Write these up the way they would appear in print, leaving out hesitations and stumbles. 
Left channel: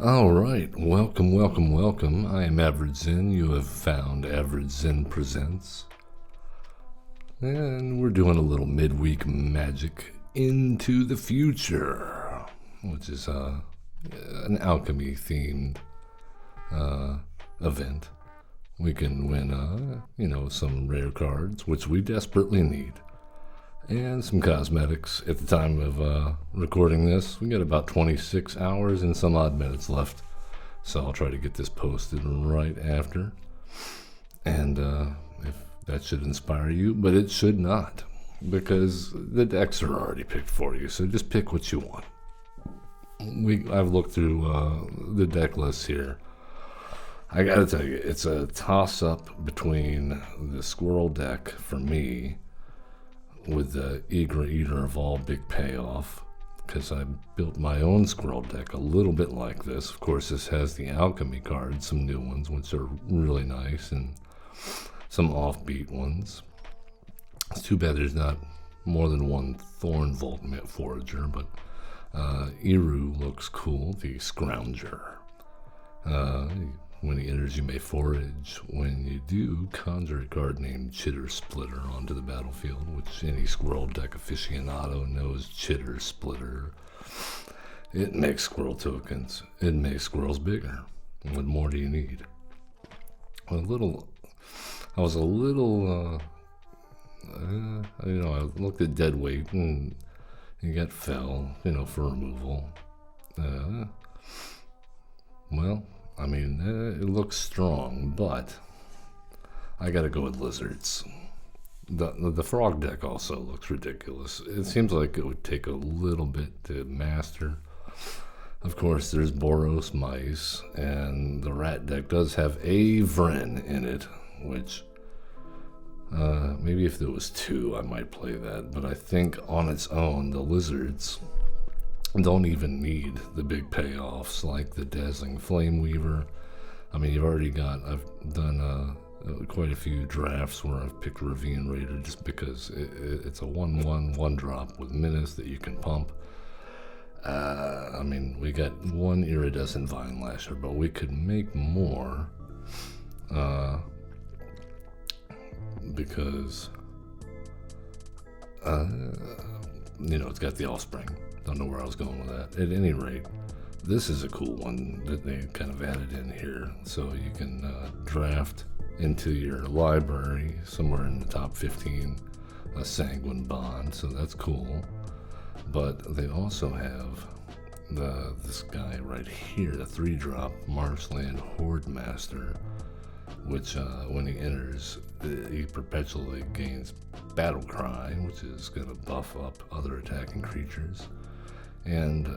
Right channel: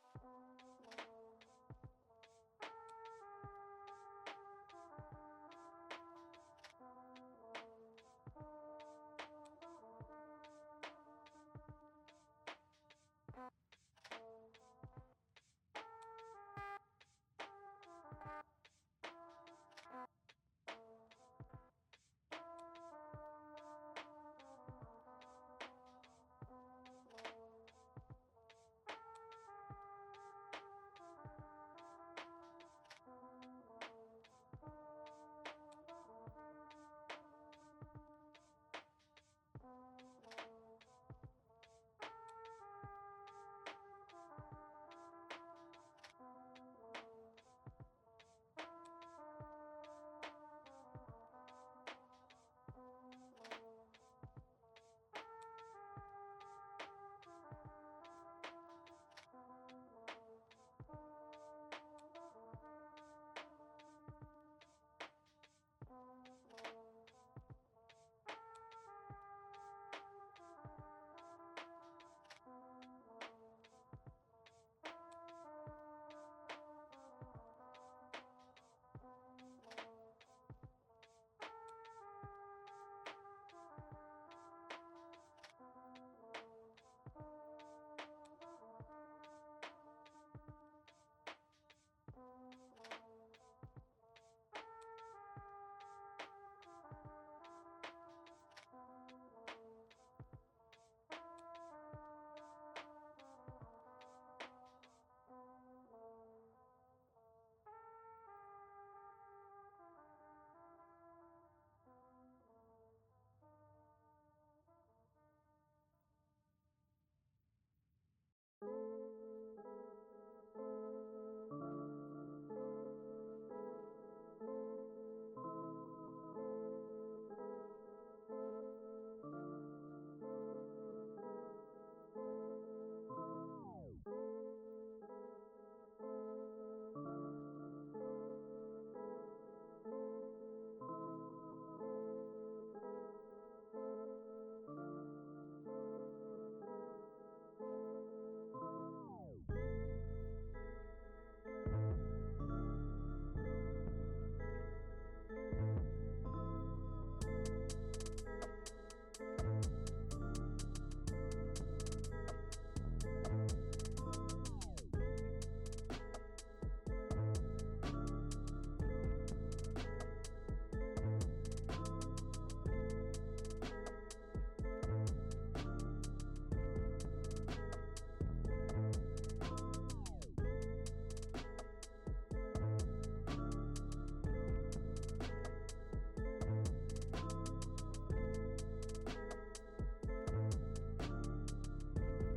All right, welcome, welcome, welcome. I am Average Zen. You have found Average Zen Presents. And we're doing a little midweek magic into the future, which is an alchemy themed event. We can win, some rare cards, which we desperately need, and some cosmetics. At the time of recording this, we got about 26 hours and some odd minutes left, so I'll try to get this posted right after. And if that should inspire you, but it should not, because the decks are already picked for you, so just pick what you want. I've looked through the deck list here. I gotta tell you, it's a toss-up between the squirrel deck for me with the Eager Eater of All Big Payoff, because I built my own squirrel deck a little bit like this. Of course, this has the alchemy cards, some new ones, which are really nice, and some offbeat ones. It's too bad there's not more than one Thorn Vault Forager, but Eru looks cool, the Scrounger. When he enters, you may forage. When you do, conjure a card named Chitter Splitter onto the battlefield, which any squirrel deck aficionado knows Chitter Splitter. It makes squirrel tokens. It makes squirrels bigger. What more do you need? I was a little, I looked at dead weight and you got fell, for removal. It looks strong, but I gotta go with lizards. The frog deck also looks ridiculous. It seems like it would take a little bit to master. Of course, there's Boros mice, and the rat deck does have a Vren in it, which maybe if there was two, I might play that. But I think on its own, the lizards don't even need the big payoffs like the Dazzling Flame Weaver. I've done quite a few drafts where I've picked Ravine Raider just because it's a 1/1 1-drop with Menace that you can pump. We got one Iridescent Vine Lasher, but we could make more because it's got the Offspring. Don't know where I was going with that. At any rate, this is a cool one that they kind of added in here, so you can draft into your library somewhere in the top 15 a Sanguine Bond, so that's cool. But they also have this guy right here, the 3-drop Marshland Horde Master, which when he enters, he perpetually gains Battle Cry, which is going to buff up other attacking creatures. And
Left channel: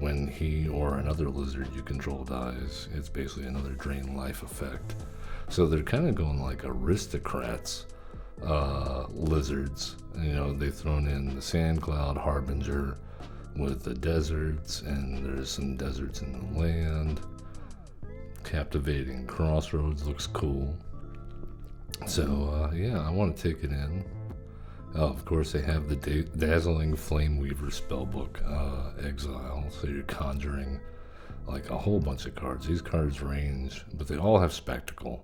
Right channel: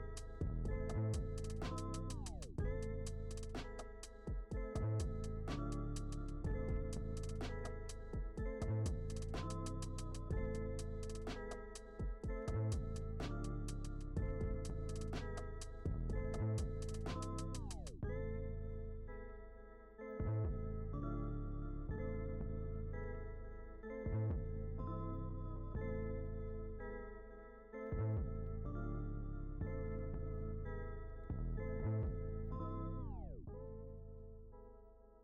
when he or another lizard you control dies, it's basically another drain life effect. So they're kind of going like aristocrats lizards. They've thrown in the Sand Cloud Harbinger with the deserts, and there's some deserts in the land. Captivating Crossroads looks cool. So I want to take it in. Of course, they have the Dazzling Flame Weaver spellbook Exile, so you're conjuring like a whole bunch of cards. These cards range, but they all have Spectacle,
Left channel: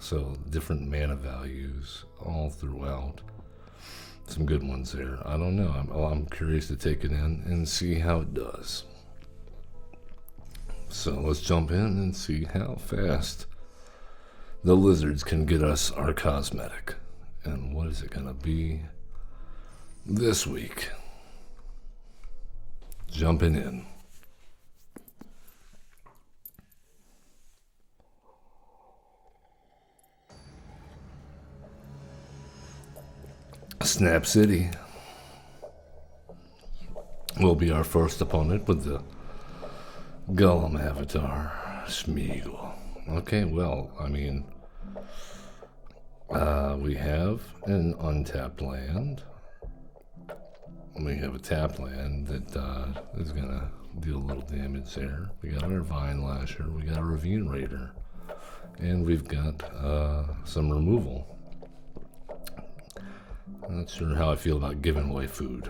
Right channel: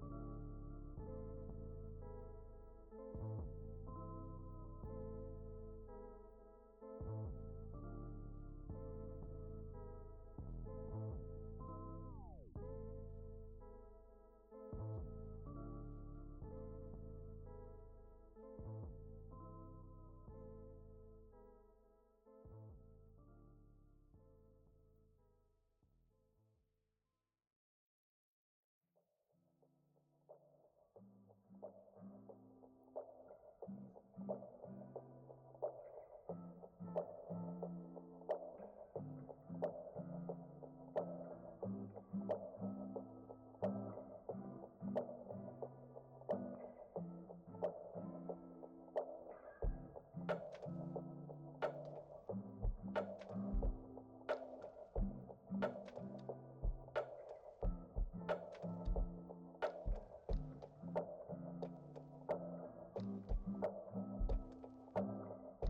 so different mana values all throughout. Some good ones there. I don't know. I'm curious to take it in and see how it does. So let's jump in and see how fast the lizards can get us our cosmetic. And what is it going to be this week? Jumping in. Snap City will be our first opponent with the Golem Avatar, Smeagol. Okay, we have an untapped land. We have a tapped land that is going to deal a little damage there. We got our Vine Lasher, we got a Ravine Raider, and we've got some removal. I'm not sure how I feel about giving away food.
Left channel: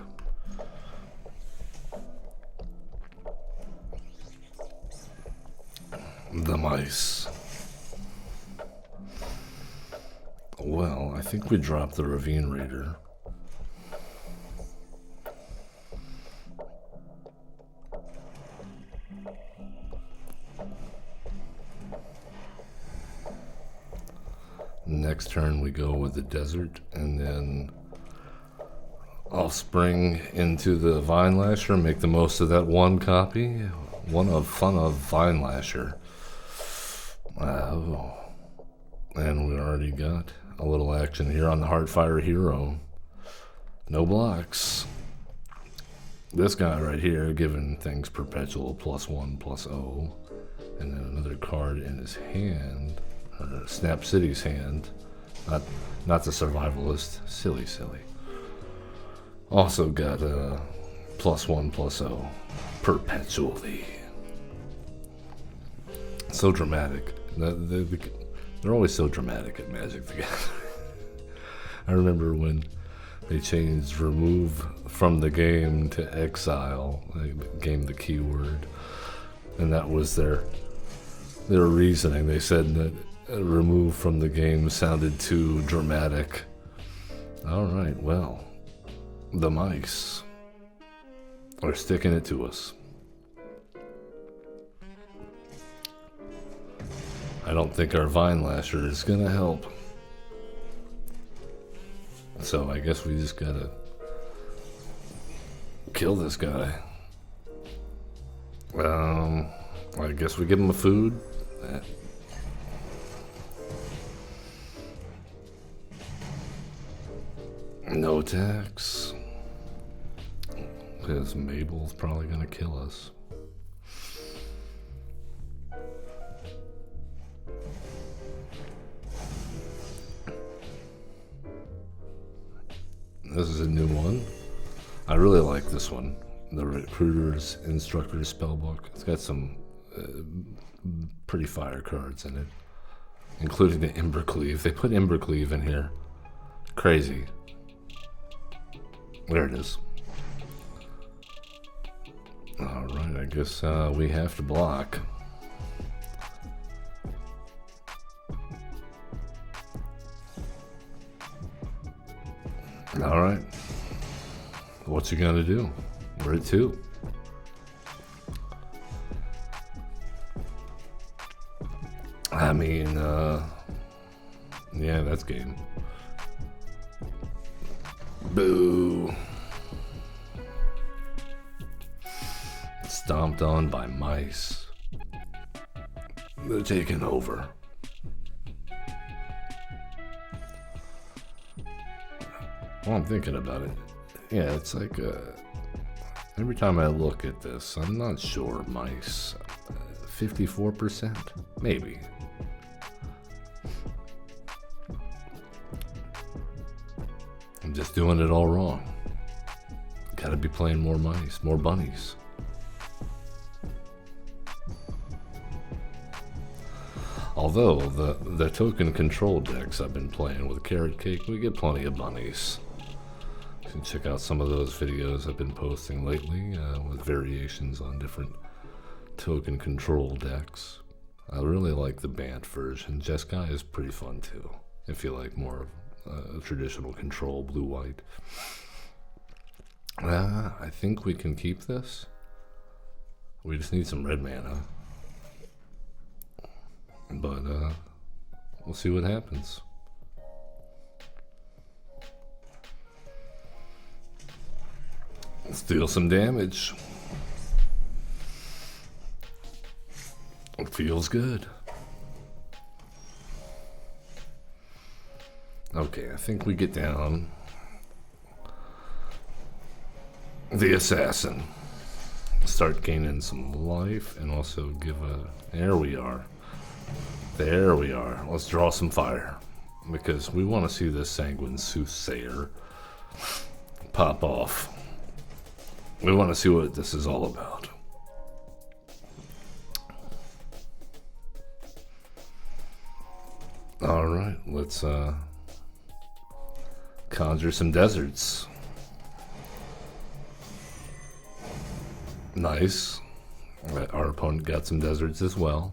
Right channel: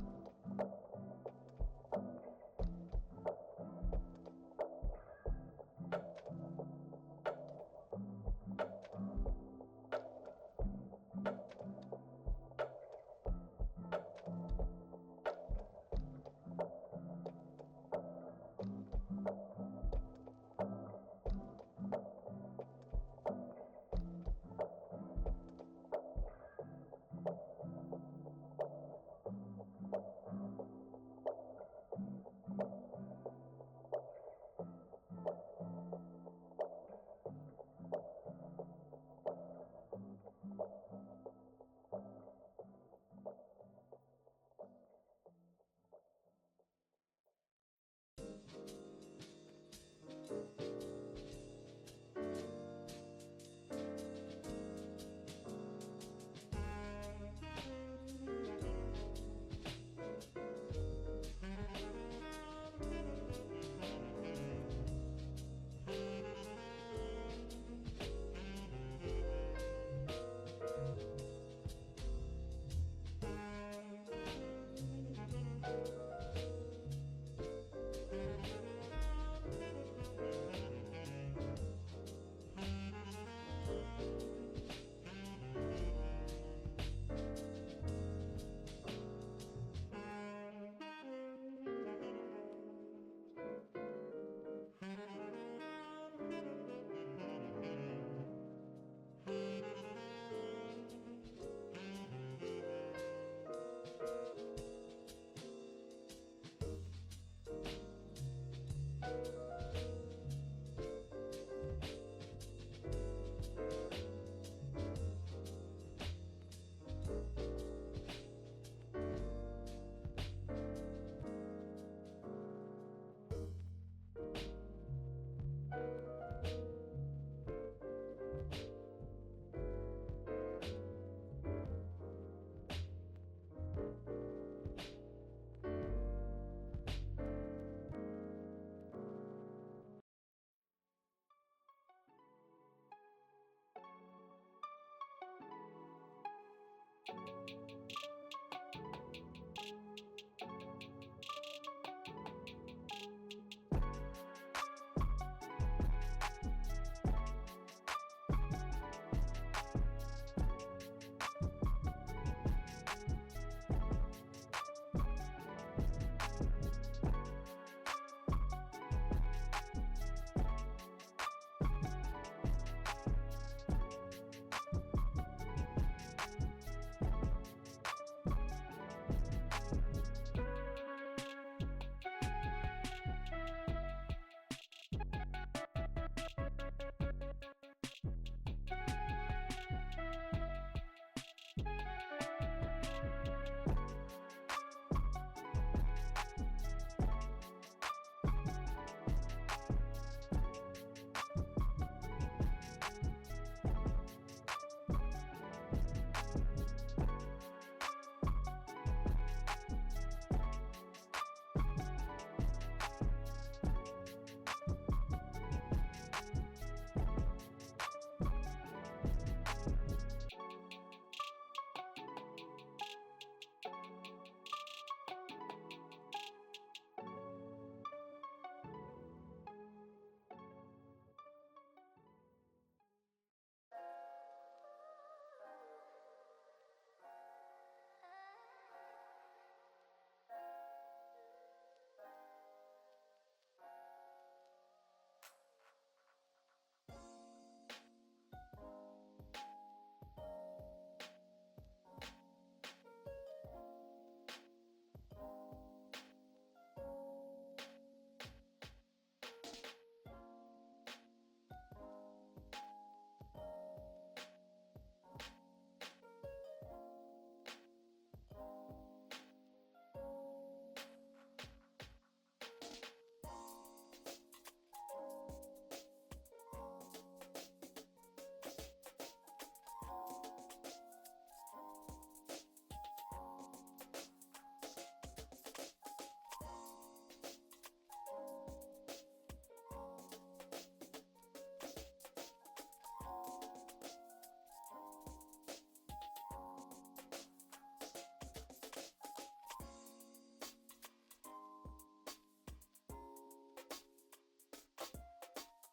Nice. Well, I think we dropped the Ravine Raider. Next turn we go with the desert, and then I'll spring into the Vine Lasher, make the most of that one copy. One of fun of Vine Lasher. Oh. And we already got a little action here on the Heartfire Hero. No blocks. This guy right here giving things perpetual +1/+0. And then another card in his hand. Snap City's hand. Not the survivalist. Silly. Also got a +1/+0 perpetually. So dramatic. They're always so dramatic at Magic the Gathering. I remember when they changed remove from the game to exile. They gave the keyword, and that was their reasoning. They said that remove from the game sounded too dramatic. All right, well, the mice are sticking it to us. I don't think our Vine Lasher is gonna help. So I guess we just gotta kill this guy. I guess we give him a food. No attacks. Because Mabel's probably gonna kill us. This is a new one. I really like this one. The Recruiter's Instructor's Spellbook. It's got some pretty fire cards in it, including the Embercleave. They put Embercleave in here. Crazy. There it is. Alright, I guess we have to block. Alright. What's he gonna do? Where to? I mean, yeah, that's game. Boo. Stomped on by mice. They're taking over. Well, I'm thinking about it. Yeah, it's like every time I look at this, I'm not sure. Mice, 54%, maybe. I'm just doing it all wrong. Gotta be playing more mice, more bunnies. Although the token control decks I've been playing with Carrot Cake, we get plenty of bunnies. You can check out some of those videos I've been posting lately with variations on different token control decks. I really like the Bant version. Jeskai is pretty fun too, if you like more traditional control, blue-white. I think we can keep this. We just need some red mana. But we'll see what happens. Let's deal some damage. It feels good. Okay, I think we get down the assassin. Start gaining some life and also give a... There we are. There we are. Let's draw some fire. Because we want to see this Sanguine Soothsayer pop off. We want to see what this is all about. Alright, let's conjure some deserts. Nice. Our opponent got some deserts as well.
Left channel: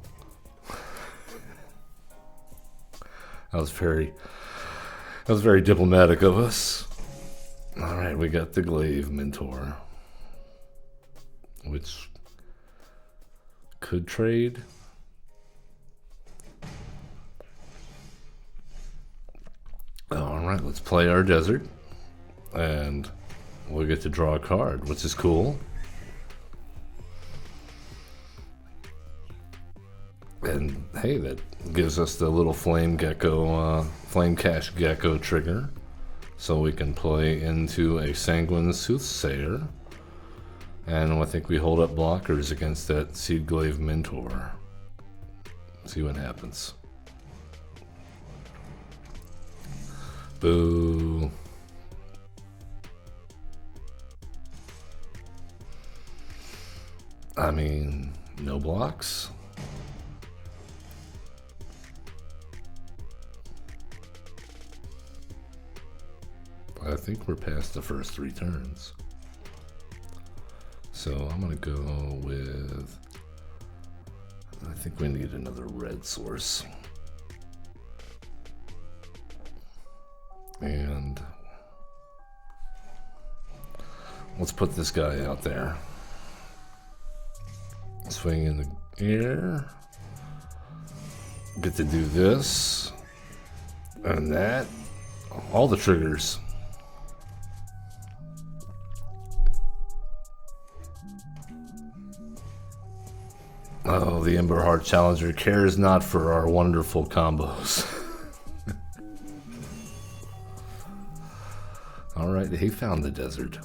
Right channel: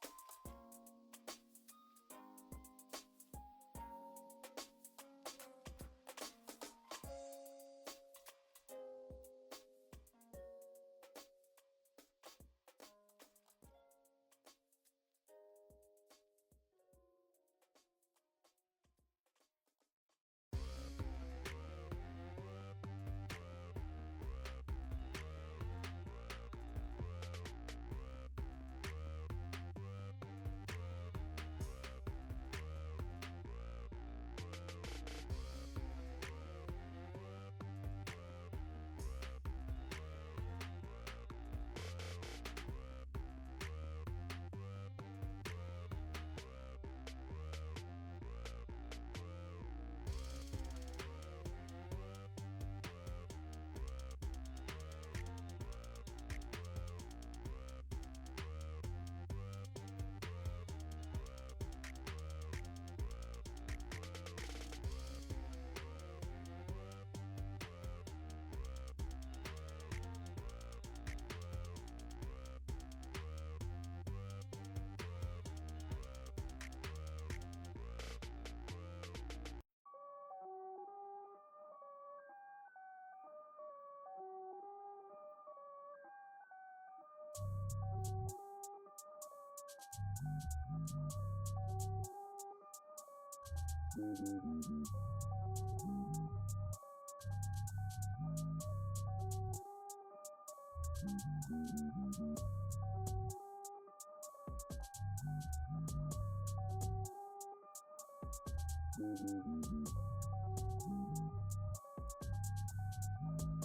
That was very diplomatic of us. All right, we got the glaive mentor, which could trade. All right, let's play our desert, and we'll get to draw a card, which is cool. And hey, that gives us the little flame cash gecko trigger, so we can play into a sanguine soothsayer. And I think we hold up blockers against that seed glaive mentor. See what happens. Boo. I mean, no blocks. I think we're past the first 3 turns. So I'm gonna go with, I think we need another red source. And let's put this guy out there. Swing in the air. Get to do this and that. All the triggers. Oh, the Ember Heart Challenger cares not for our wonderful combos. Alright, he found the desert.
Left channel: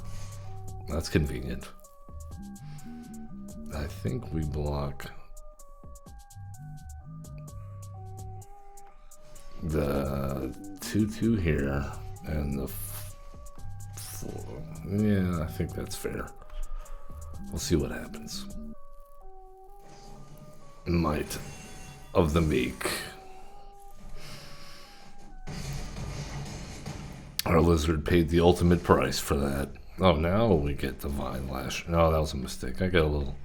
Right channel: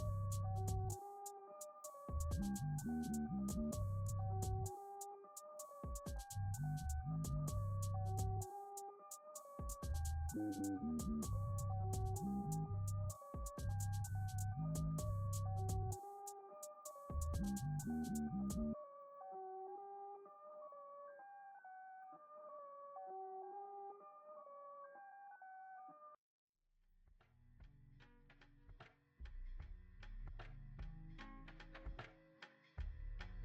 That's convenient. I think we block the 2/2 here and the 4. Yeah, I think that's fair. We'll see what happens. Might of the Meek. Our lizard paid the ultimate price for that. Oh, now we get Divine Lash. No, that was a mistake. I got a little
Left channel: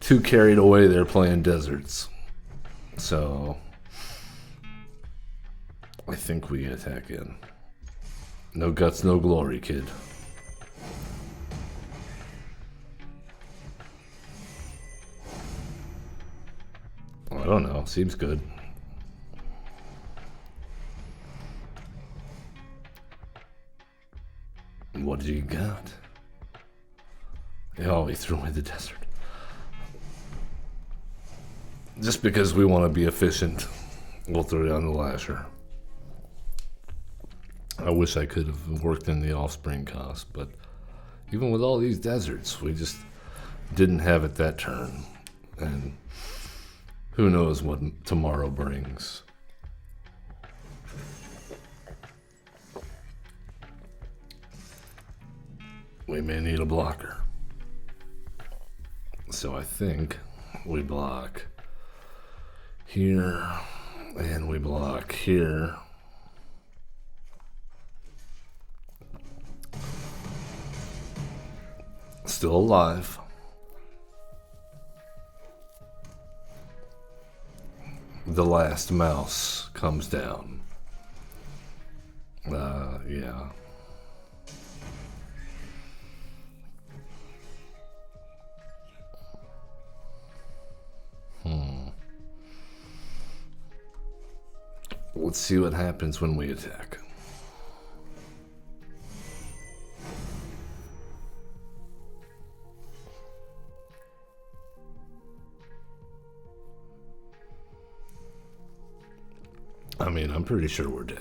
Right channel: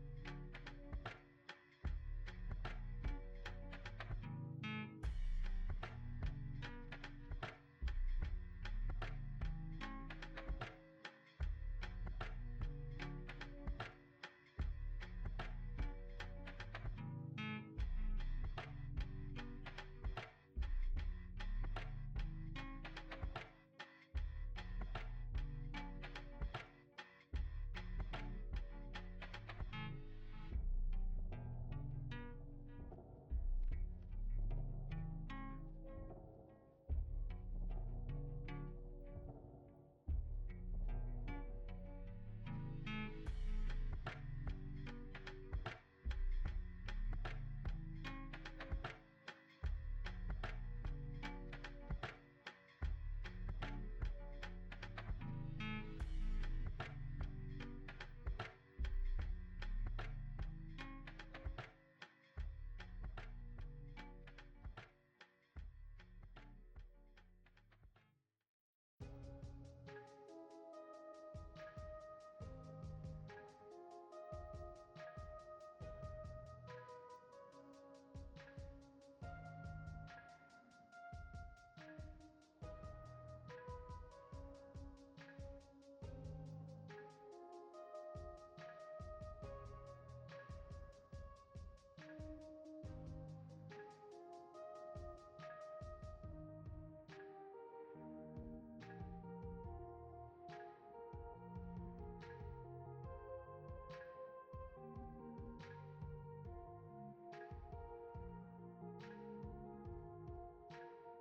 too carried away there playing deserts. So I think we attack in. No guts, no glory, kid. I don't know. Seems good. What do you got? Oh, he threw away the desert. Just because we want to be efficient, we'll throw down the Lasher. I wish I could have worked in the Offspring cost, but even with all these deserts, we just didn't have it that turn. And who knows what tomorrow brings. We may need a blocker. So I think we block here and we block here. Still alive. The last mouse comes down. Yeah. Let's see what happens when we attack. I mean, I'm pretty sure we're dead.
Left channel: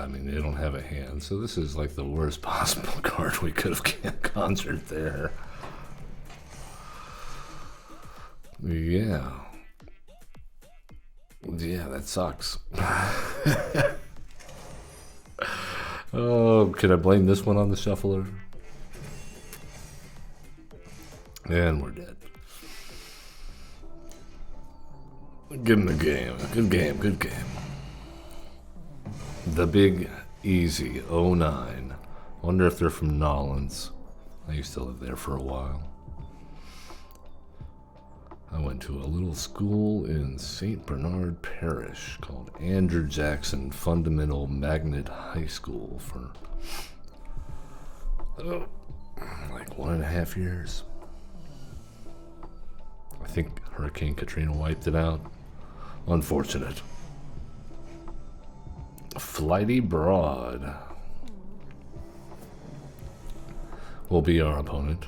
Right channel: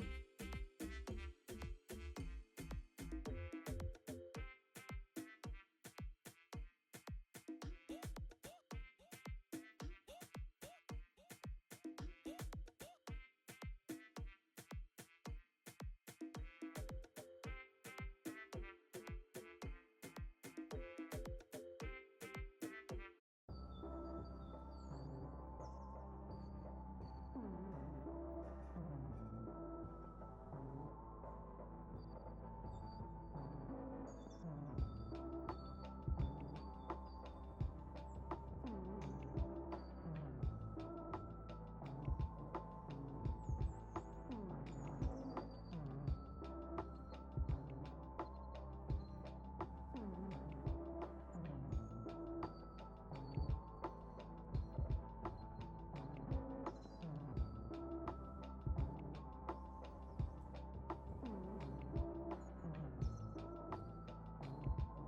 I mean, they don't have a hand, so this is like the worst possible card we could have conjured there. Yeah. Yeah, that sucks. Oh, could I blame this one on the shuffler? And we're dead. Give him the game. Good game, good game. The Big Easy, '09. Wonder if they're from Nolans. I used to live there for a while. I went to a little school in St. Bernard Parish called Andrew Jackson Fundamental Magnet High School for like 1.5 years. I think Hurricane Katrina wiped it out. Unfortunate. Flighty Broad will be our opponent.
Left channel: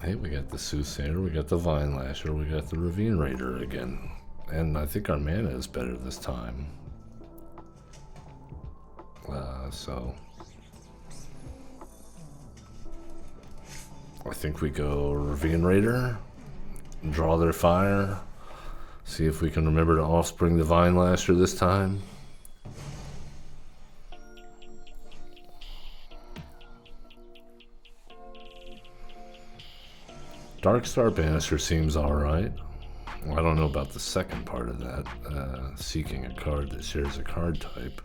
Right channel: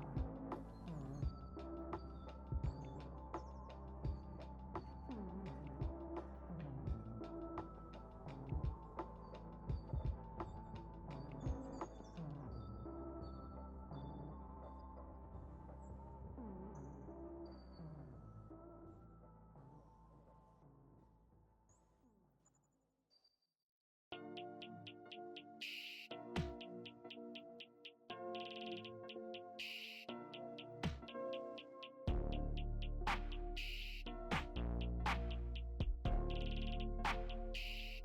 Hey, we got the Soothsayer, we got the Vine Lasher, we got the Ravine Raider again. And I think our mana is better this time. So I think we go Ravine Raider, draw their fire, see if we can remember to offspring the Vine Lasher this time. Darkstar Banisher seems alright. I don't know about the second part of that, seeking a card that shares a card type.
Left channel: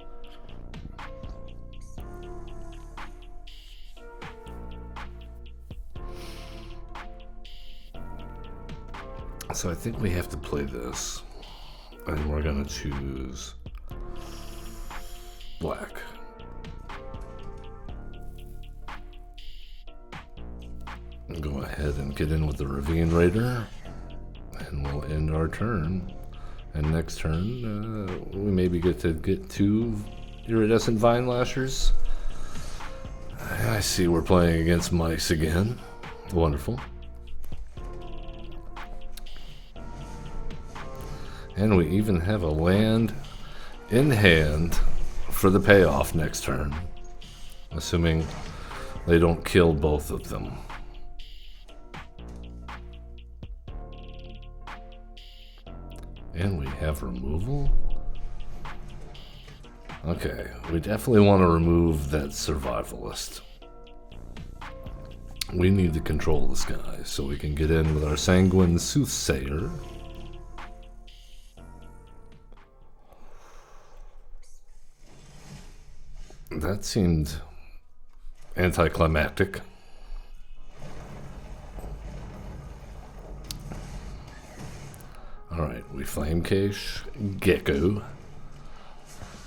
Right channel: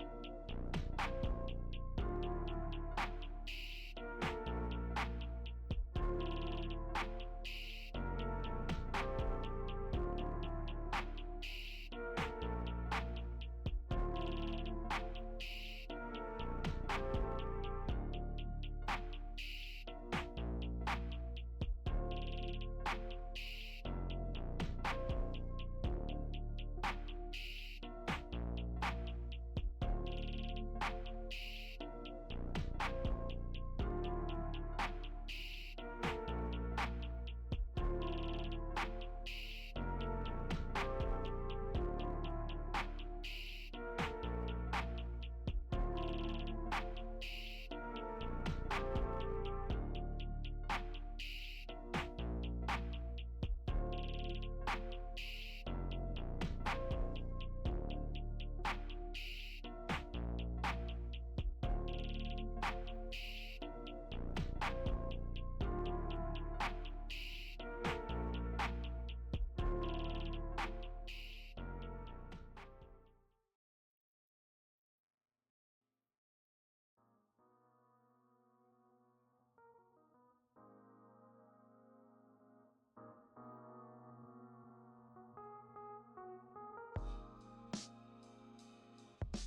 So I think we have to play this, and we're gonna choose black. Go ahead and get in with the Ravine Raider, and we'll end our turn. And next turn, we maybe get 2 Iridescent Vine Lashers. I see we're playing against mice again. Wonderful. And we even have a land in hand for the payoff next turn, assuming they don't kill both of them. And we have removal? Okay, we definitely want to remove that survivalist. We need to control this guy, so we can get in with our Sanguine Soothsayer. That seemed anticlimactic. Alright, we Flame Cache, Gecko,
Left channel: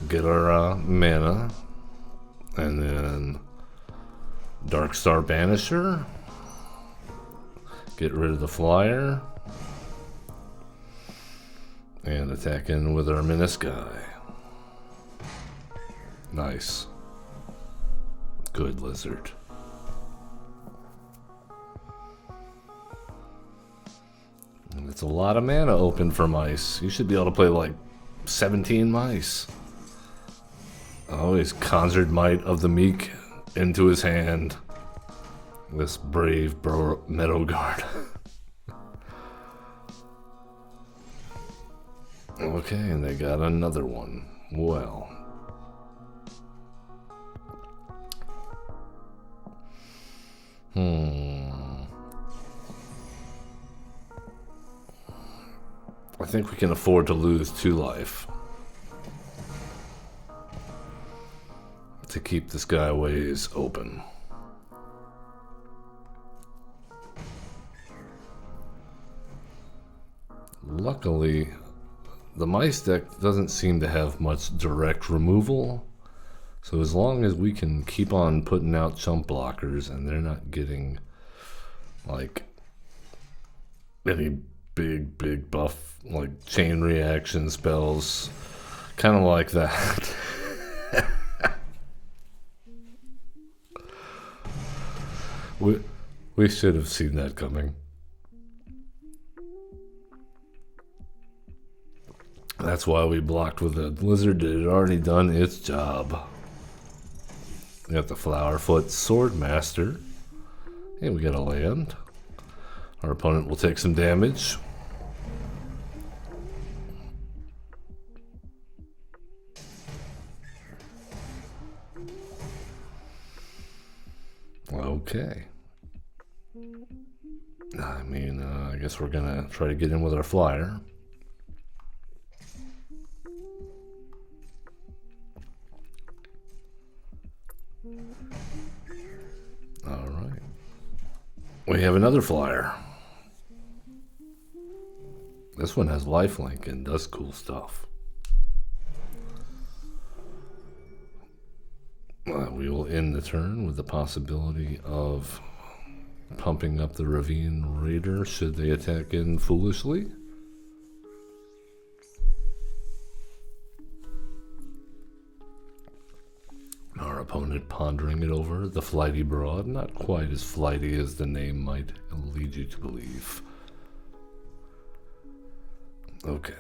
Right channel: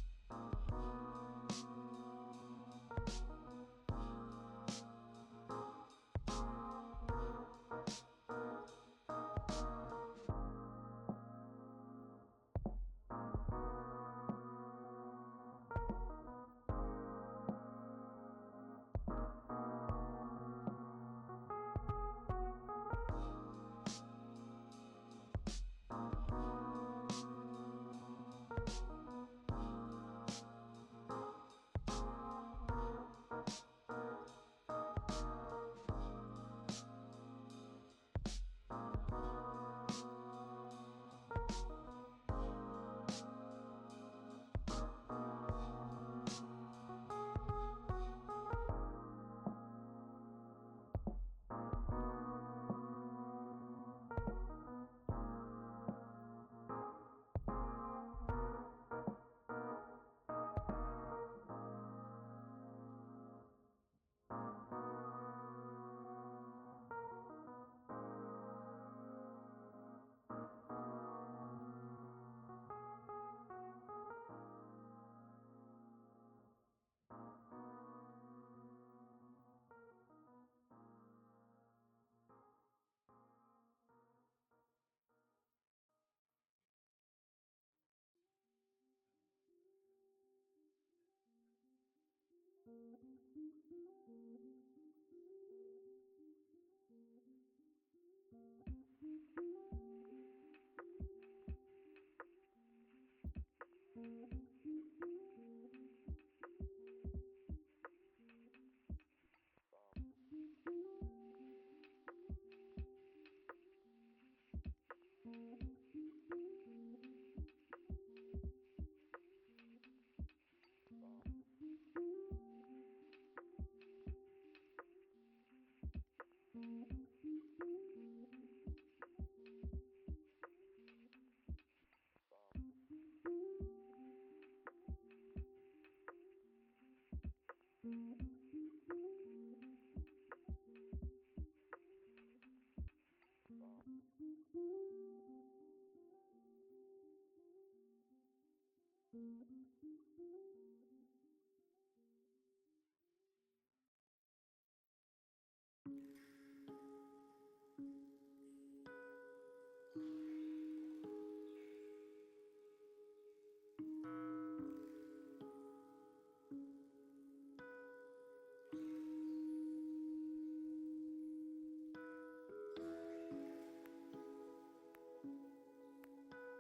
get our mana, and then Darkstar Banisher, get rid of the flyer, and attack in with our Menisci. Nice. Good lizard. And it's a lot of mana open for mice. You should be able to play like 17 mice. Oh, he's Conjured Might of the Meek into his hand. This brave Meadow Guard. Okay, and they got another one. Well. I think we can afford to lose 2 life to keep this guy ways open. Luckily, the mice deck doesn't seem to have much direct removal. So as long as we can keep on putting out chump blockers and they're not getting like any big buff, like chain reaction spells, kind of like that. we should have seen that coming. That's why we blocked with a lizard. It had already done its job. We got the Flowerfoot Swordmaster. And we got a land. Our opponent will take some damage. Okay. I mean, I guess we're gonna try to get in with our flyer. Alright. We have another flyer. This one has lifelink and does cool stuff. We will end the turn with the possibility of pumping up the Ravine Raider should they attack in foolishly. Our opponent pondering it over, the Flighty Broad, not quite as flighty as the name might lead you to believe. Okay,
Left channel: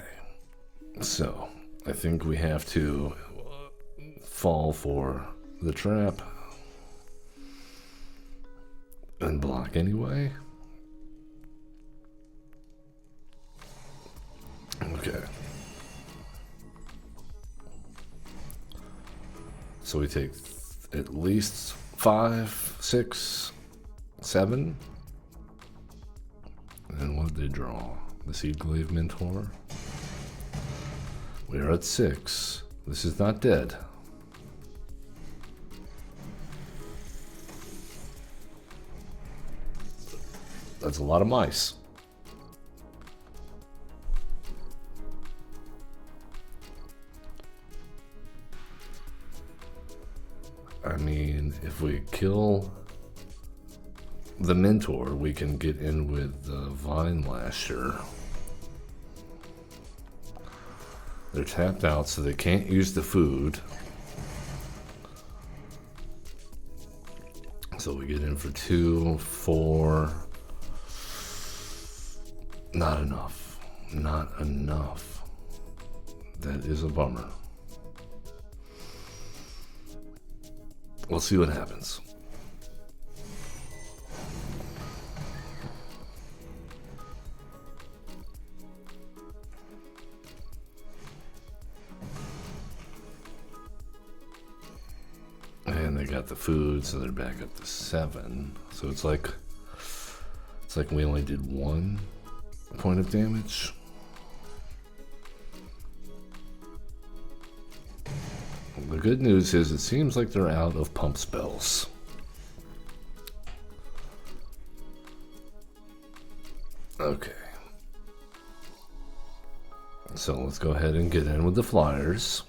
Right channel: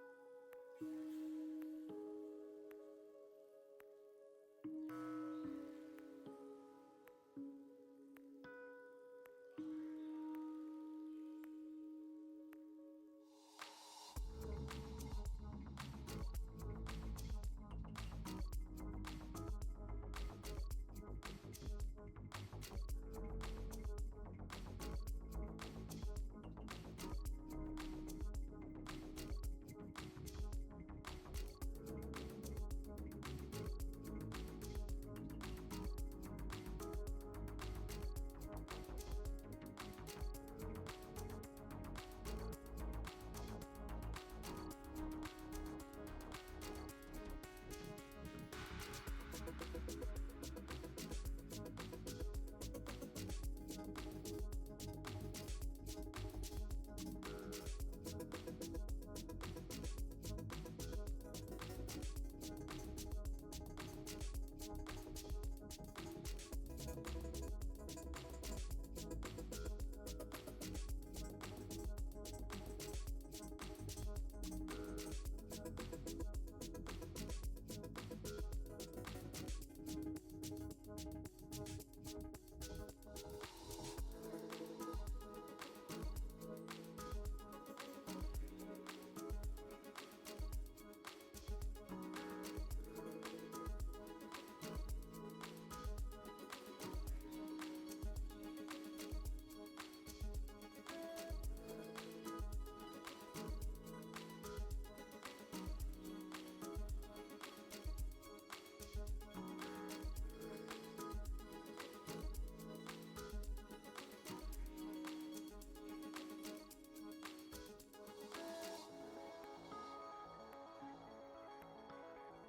so I think we have to fall for the trap and block anyway. Okay. So we take at least 5, 6, 7. And what did they draw? The Seedglaive Mentor. We are at 6. This is not dead. That's a lot of mice. I mean, if we kill the Mentor, we can get in with the Vine Lasher. They're tapped out, so they can't use the food. So we get in for 2, 4. Not enough. Not enough. That is a bummer. We'll see what happens. And they got the food, so they're back up to 7. So it's like we only did 1 point of damage. The good news is it seems like they're out of pump spells. Okay. So let's go ahead and get in with the flyers.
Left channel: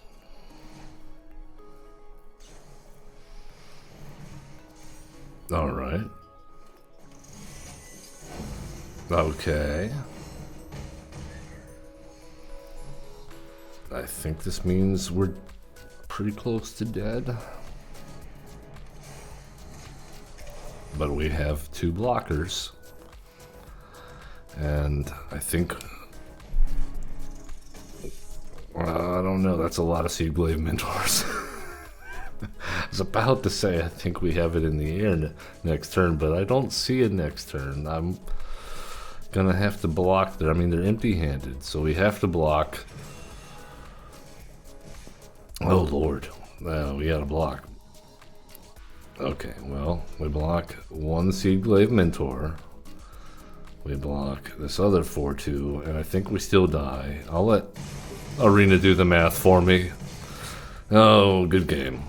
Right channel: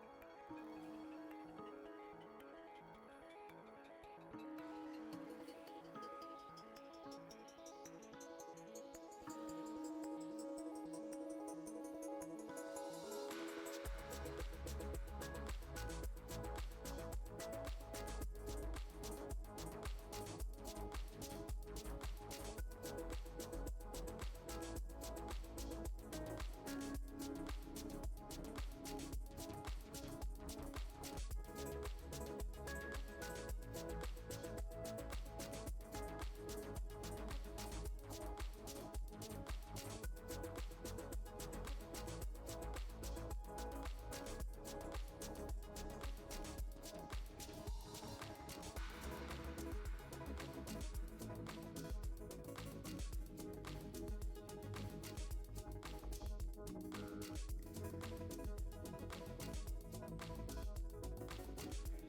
All right. Okay. I think this means we're pretty close to dead. But we have 2 blockers. And I think... I don't know, that's a lot of Seedglaive Mentors. I was about to say I think we have it in the air next turn, but I don't see it next turn. I'm gonna have to block there. I mean, they're empty-handed, so we have to block. Oh Lord, we gotta block. Okay, well, we block 1 Seedglaive Mentor. We block this other 4-2, and I think we still die. I'll let Arena do the math for me. Oh, good game.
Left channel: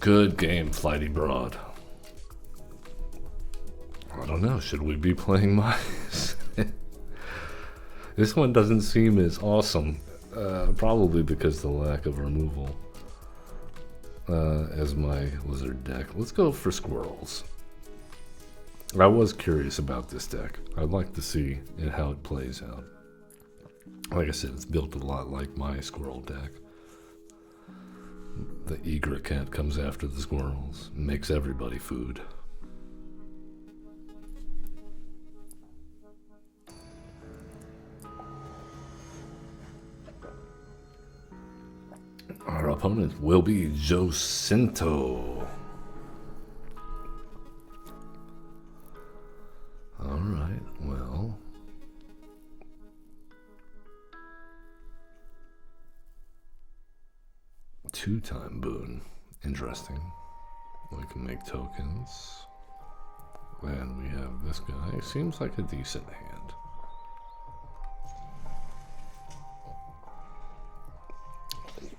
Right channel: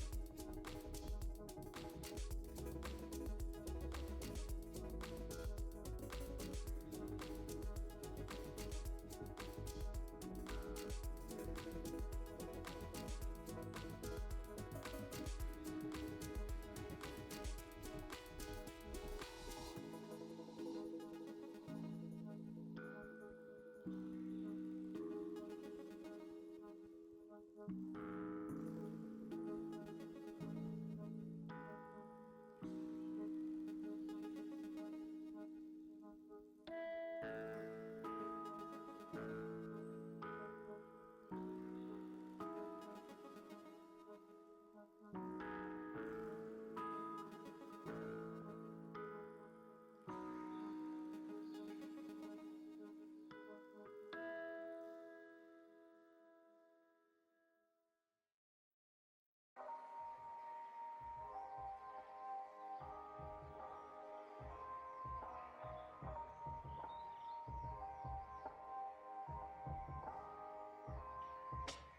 Good game, Flighty Broad. I don't know, should we be playing mice? This one doesn't seem as awesome. Probably because of the lack of removal as my lizard deck. Let's go for squirrels. I was curious about this deck. I'd like to see how it plays out. Like I said, it's built a lot like my squirrel deck. The egret cat comes after the squirrels, makes everybody food. Our opponent will be Jacinto. Alright, well. Two-time boon. Interesting. We can make tokens. And we have this guy. Seems like a decent hand.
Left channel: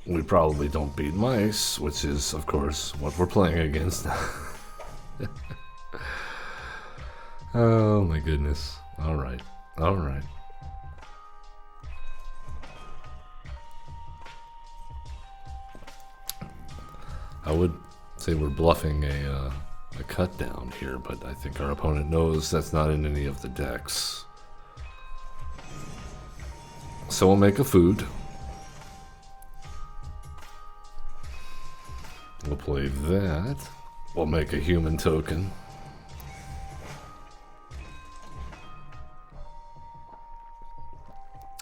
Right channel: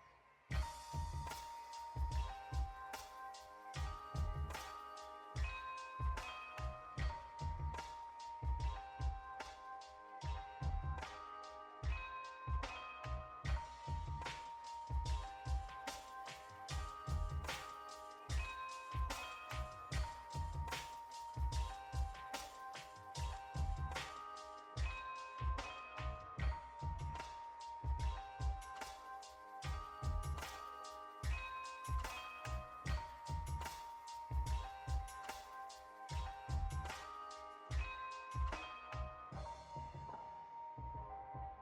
we probably don't beat mice, which is, of course, what we're playing against. Oh my goodness. Alright. Alright. I would say we're bluffing a cut down here, but I think our opponent knows that's not in any of the decks. So we'll make a food. We'll play that. We'll make a human token.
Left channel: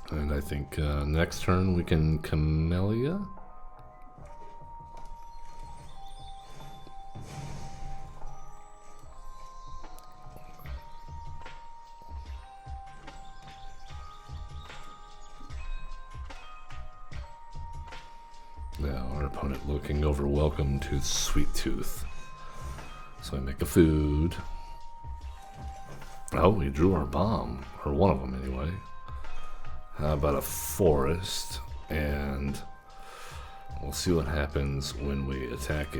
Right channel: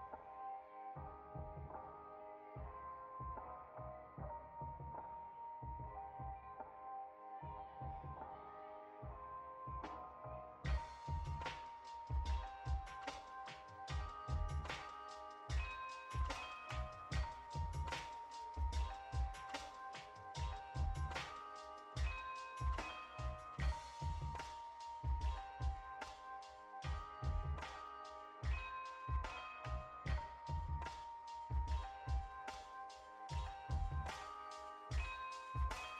And I think next turn we can Camellia. Now our opponent looking over welcome to Sweet Tooth. So I make a food. Oh, we drew our bomb, or one of them anyway. How about a forest? And we'll see what happens when we attack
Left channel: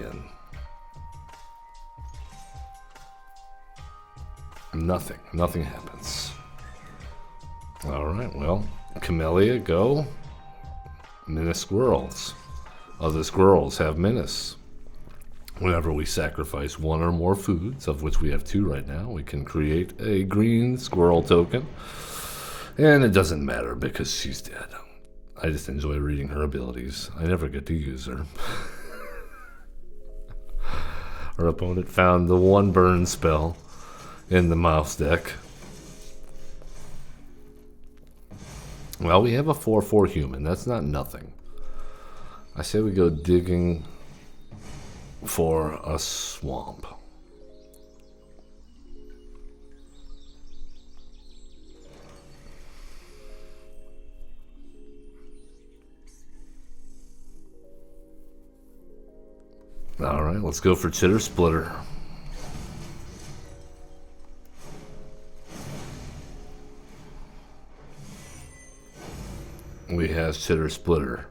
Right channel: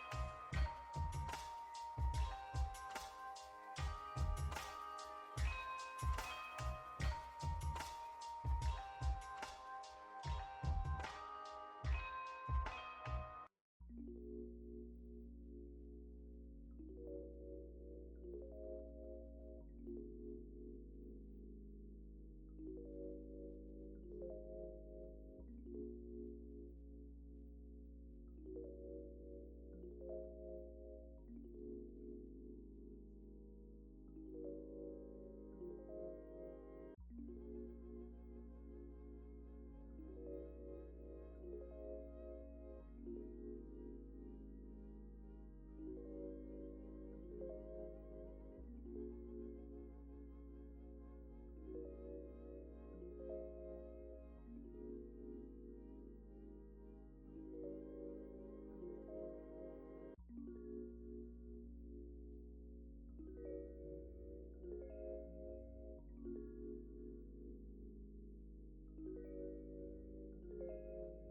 in. Nothing. Nothing happens. Alright, well, Camellia, go. Menace squirrels. Other squirrels have menace. Whenever we sacrifice one or more foods, of which we have 2 right now, we can create a green squirrel token. And it doesn't matter because she's dead. I just enjoy reading her abilities. I never get to use her. Our opponent found the 1 burn spell in the mouse deck. Well, we have a 4/4 human. That's not nothing. I say we go digging for a swamp. Alright, let's go for Chitter Splitter. We have Chitter Splitter.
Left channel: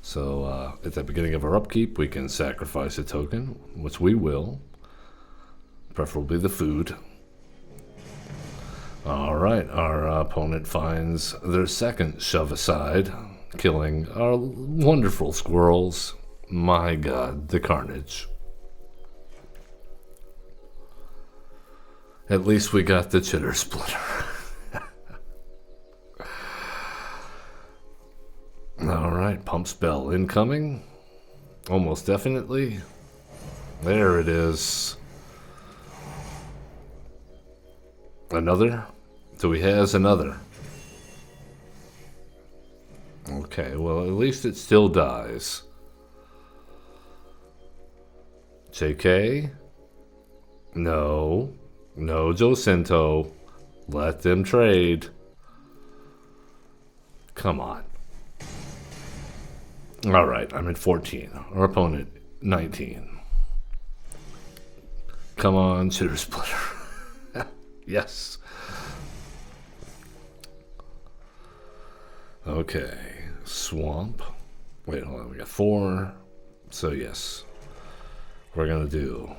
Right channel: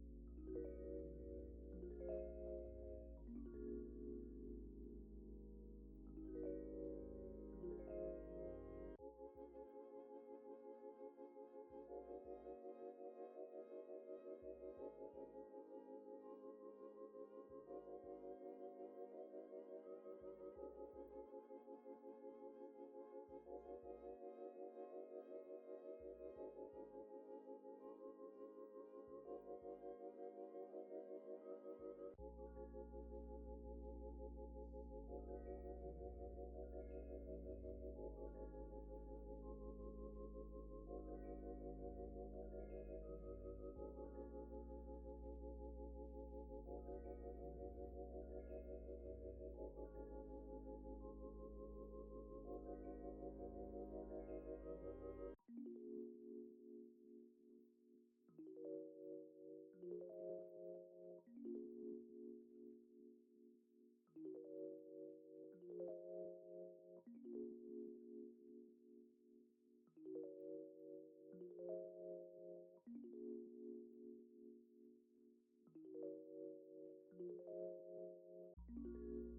So at the beginning of our upkeep, we can sacrifice a token, which we will. Preferably the food. Alright, our opponent finds their second shove aside, killing our wonderful squirrels. My god, the carnage. At least we got the Chitter Splitter. Alright, pump spell incoming. Almost definitely. There it is. Another? So he has another. Okay, well, at least it still dies. JK? No. No, Jacinto. Let them trade. Come on. Alright, I'm at 14. Our opponent, 19. Come on, Chitter Splitter. Yes. Okay. Swamp. Wait, hold on. We got 4. So, yes. We're going to do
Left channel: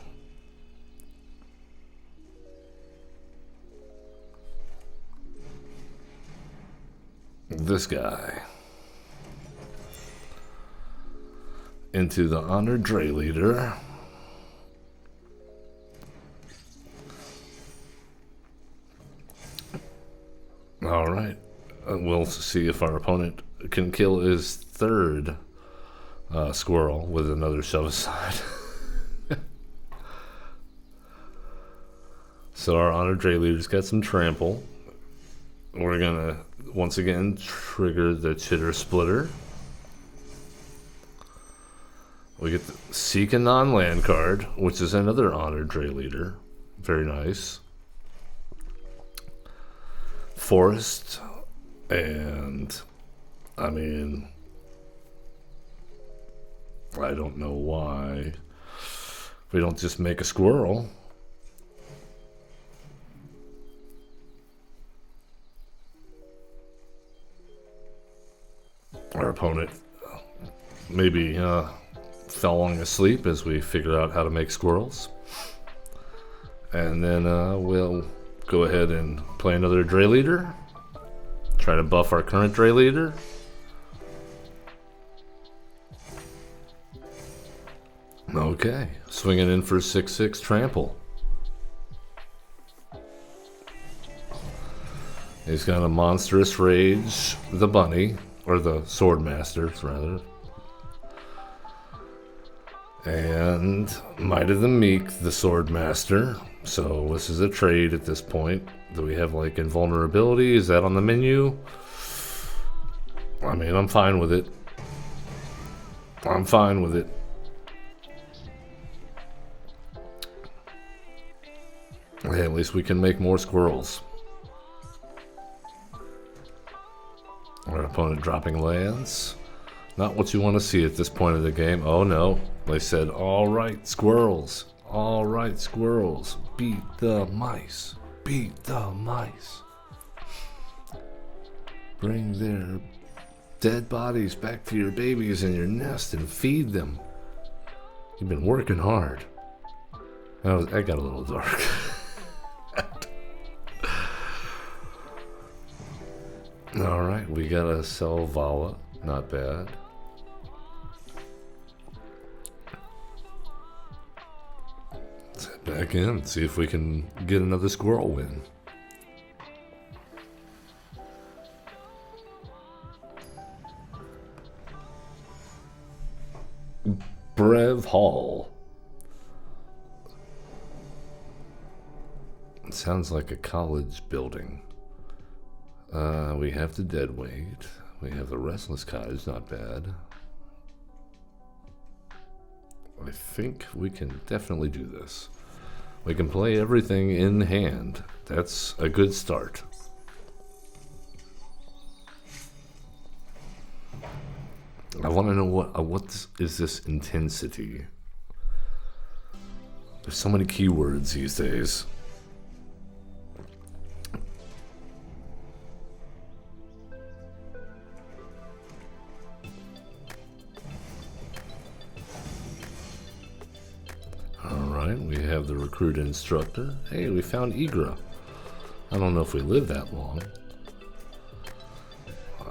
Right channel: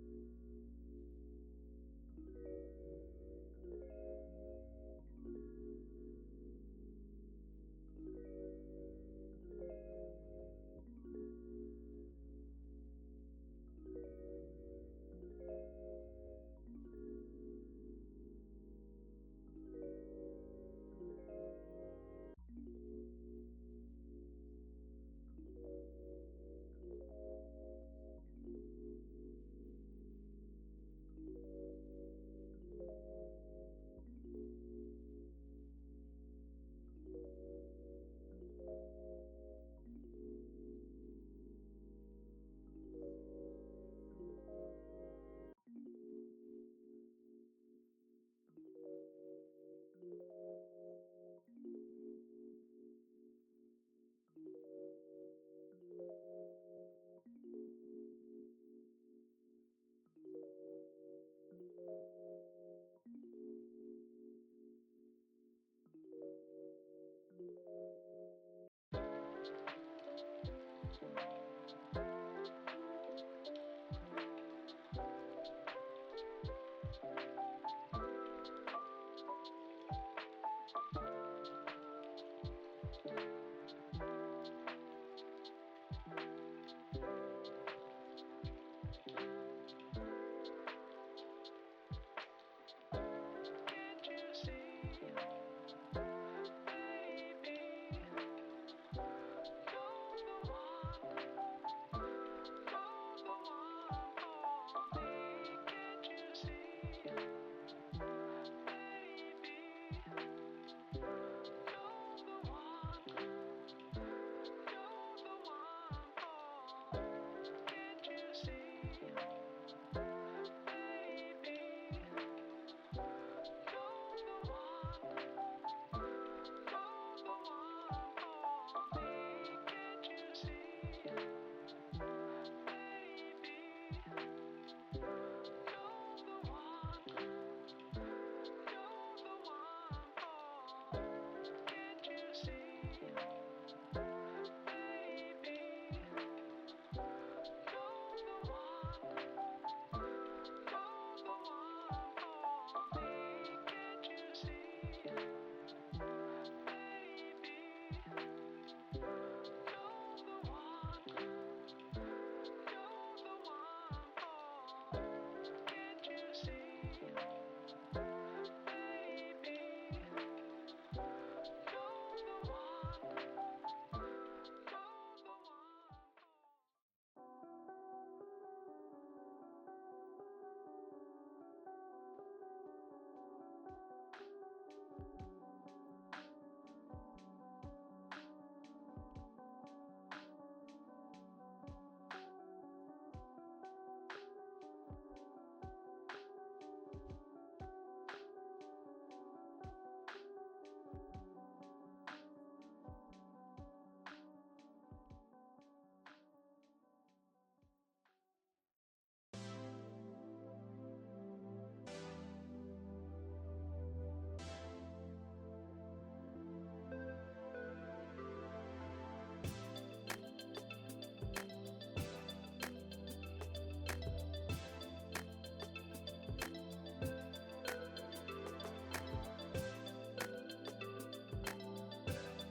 this guy into the Honored Dray Leader. Alright. We'll see if our opponent can kill his third squirrel with another shove aside. So our Honored Dray Leader's got some trample. We're gonna once again trigger the Chitter Splitter. We get the Seek a Non-Land card, which is another Honored Dray Leader. Very nice. Forest. And, I mean, I don't know why we don't just make a squirrel. opponent maybe falling asleep as we figure out how to make squirrels. And then we'll go ahead and play another Dray Leader. Try to buff our current Dray Leader. Okay, swinging in for 6/6 trample. He's got a monstrous rage, the bunny, or the sword master, rather. And Might of the Meek, the sword master. So this is a trade at this point. Do we have like invulnerability? Is that on the menu? I mean, I'm fine with it. I'm fine with it. Hey, at least we can make more squirrels. Our opponent dropping lands. Not what you want to see at this point of the game. Oh no. They said, all right, squirrels. All right, squirrels. Beat the mice. Beat the mice. Bring their dead bodies back to your babies in your nest and feed them. You've been working hard. That got a little dark. Alright, we got a Selvala. Not bad. Let's head back in and see if we can get another squirrel win. Brev Hall. It sounds like a college building. We have the Deadweight. We have the Restless Cottage, not bad. I think we can definitely do this. We can play everything in hand. That's a good start. I want to know what is this intensity? There's so many keywords these days. We have the recruit instructor. Hey, we found Igra. I don't know if we live that long.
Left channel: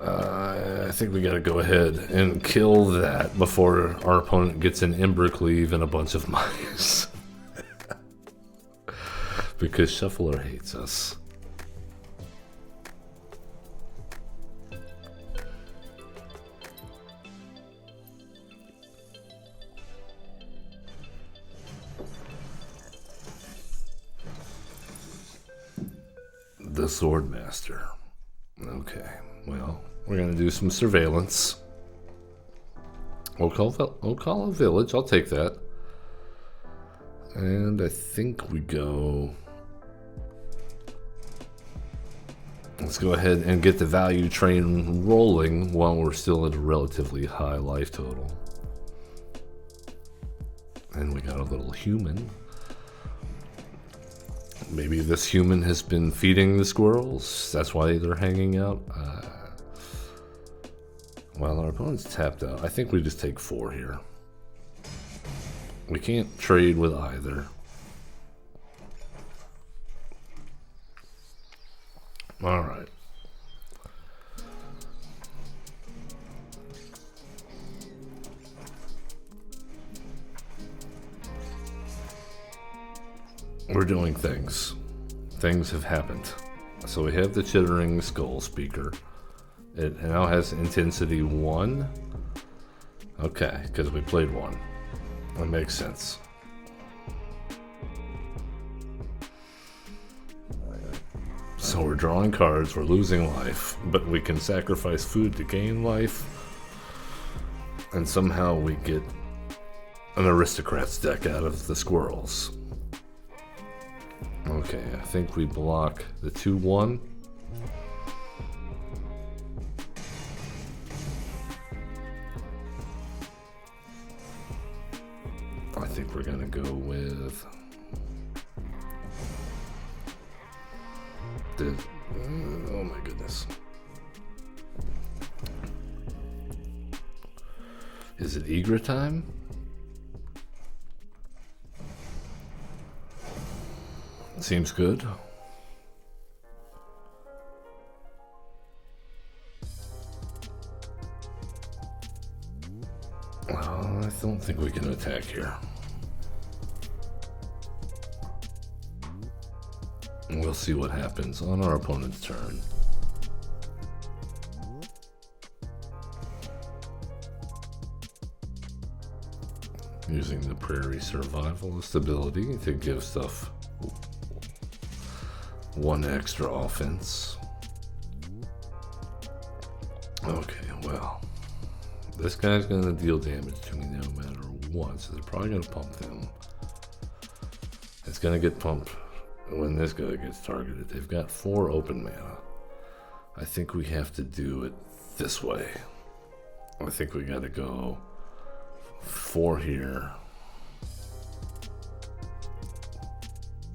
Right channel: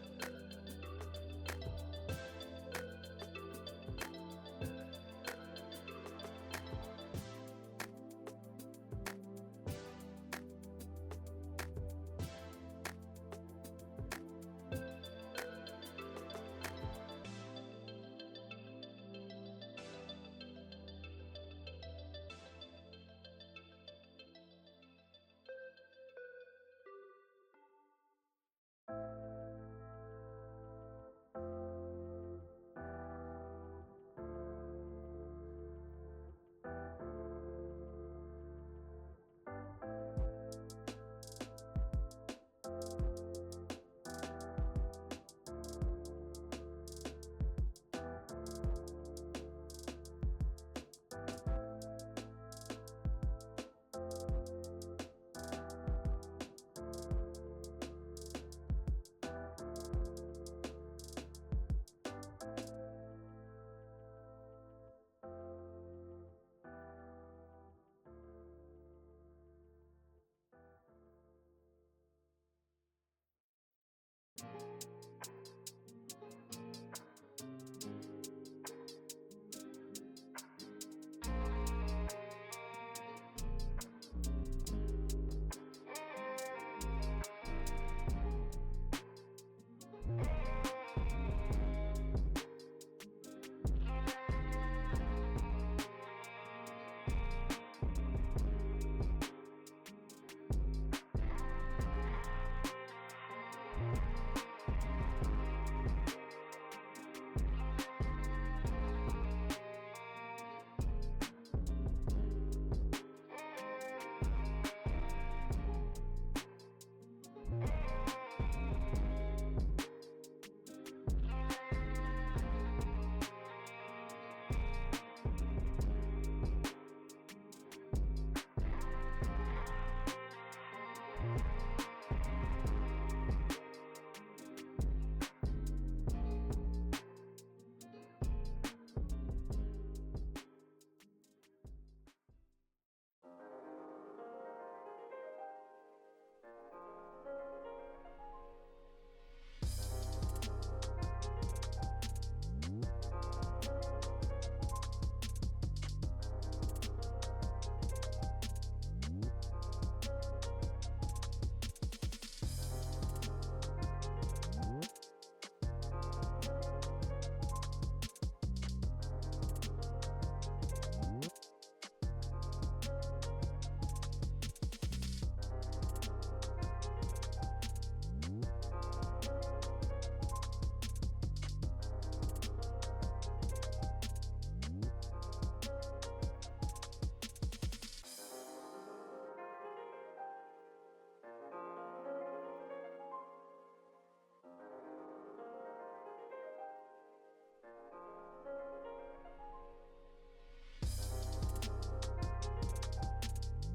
I think we gotta go ahead and kill that before our opponent gets an Embercleave and a bunch of mice. Because Shuffler hates us. The Sword Master. Okay, well, we're gonna do some surveillance. Ocala Village, I'll take that. And I think we go. Let's go ahead and get the value train rolling while we're still at a relatively high life total. And we got a little human. Maybe this human has been feeding the squirrels. That's why they're hanging out. While our opponent's tapped out, I think we just take 4 here. We can't trade with either. All right. We're doing things. Things have happened. So we have the Chittering Skull Speaker. It now has intensity 1. Okay, because we played 1. That makes sense. So we're drawing cards, we're losing life, but we can sacrifice food to gain life. And somehow we get an Aristocrats deck out of the squirrels. Okay, I think we block the 2/1. I think we're gonna go with the. Oh my goodness. Eager time? Seems good. I don't think we can attack here. We'll see what happens on our opponent's turn. Using the prairie survivalist ability to give stuff one extra offense. Okay, well, this guy's gonna deal damage to me no matter what, so they're probably gonna pump him. It's gonna get pumped when this guy gets targeted. They've got 4 open mana. I think we have to do it this way. I think we gotta go 4 here.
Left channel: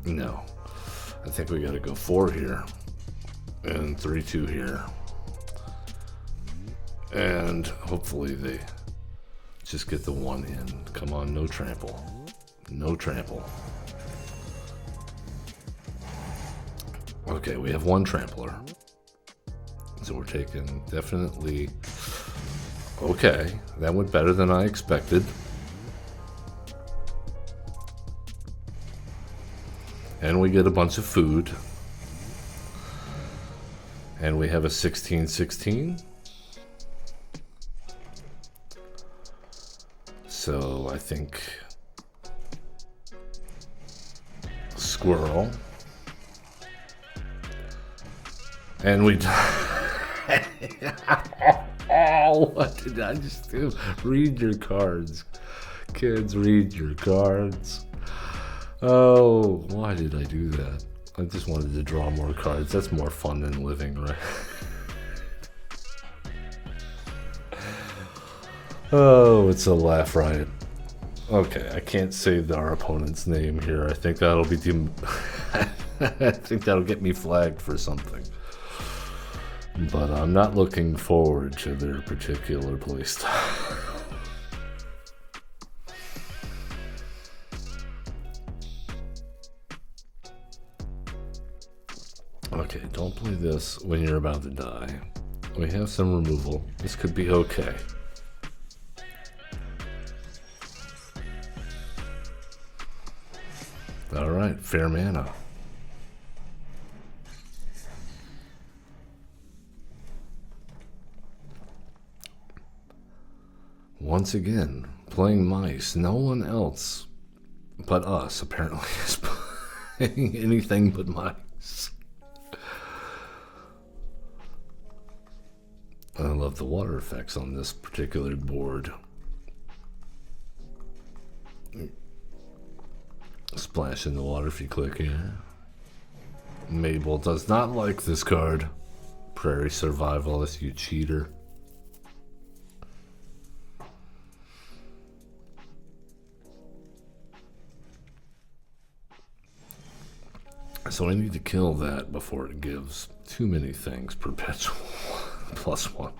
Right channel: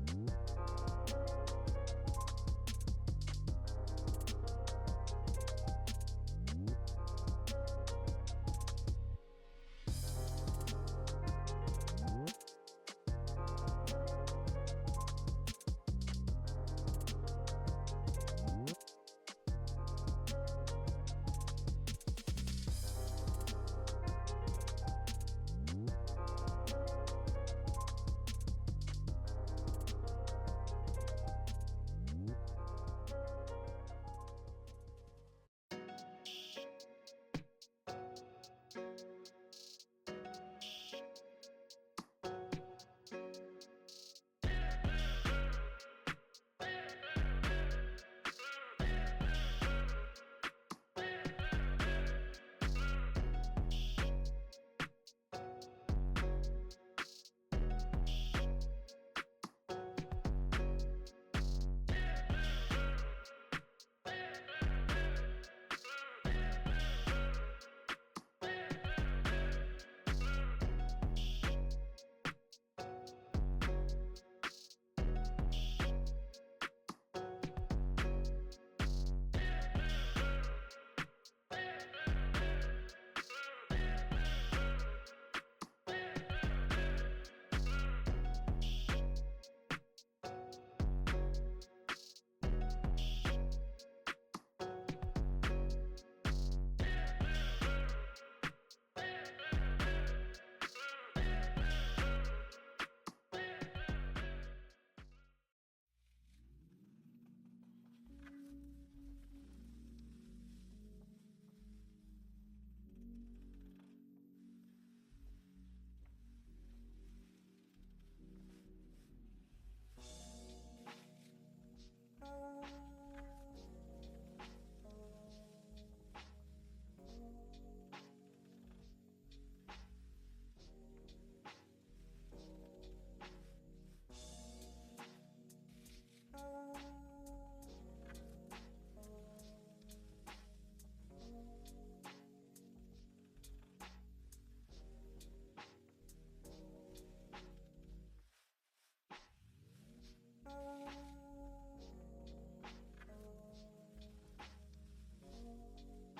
No. I think we gotta go 4 here. And 3-2 here. And hopefully they just get the 1 in. Come on, no trample. No trample. Okay, we have 1 trampler. So we're taking definitely... Okay, that went better than I expected. And we get a bunch of food. And we have a 16-16. So I think squirrel. And we... Oh, what did I just do? Read your cards. Kids, read your cards. Oh, why did I do that? I just wanted to draw more cards. That's more fun than living, right? Oh, it's a laugh riot. Okay, I can't say our opponent's name here. I think that'll be I think that'll get me flagged for something. But I'm not looking forward to their particular playstyle. Okay, don't play this when you're about to die. We have some removal. This could be okay. Alright, fair mana. Once again, playing mice. No one else but us apparently is playing anything but mice. I love the water effects on this particular board. Splash in the water if you click here. Mabel does not like this card. Prairie Survivalist, you cheater. So I need to kill that before it gives too many things. Perpetual +1.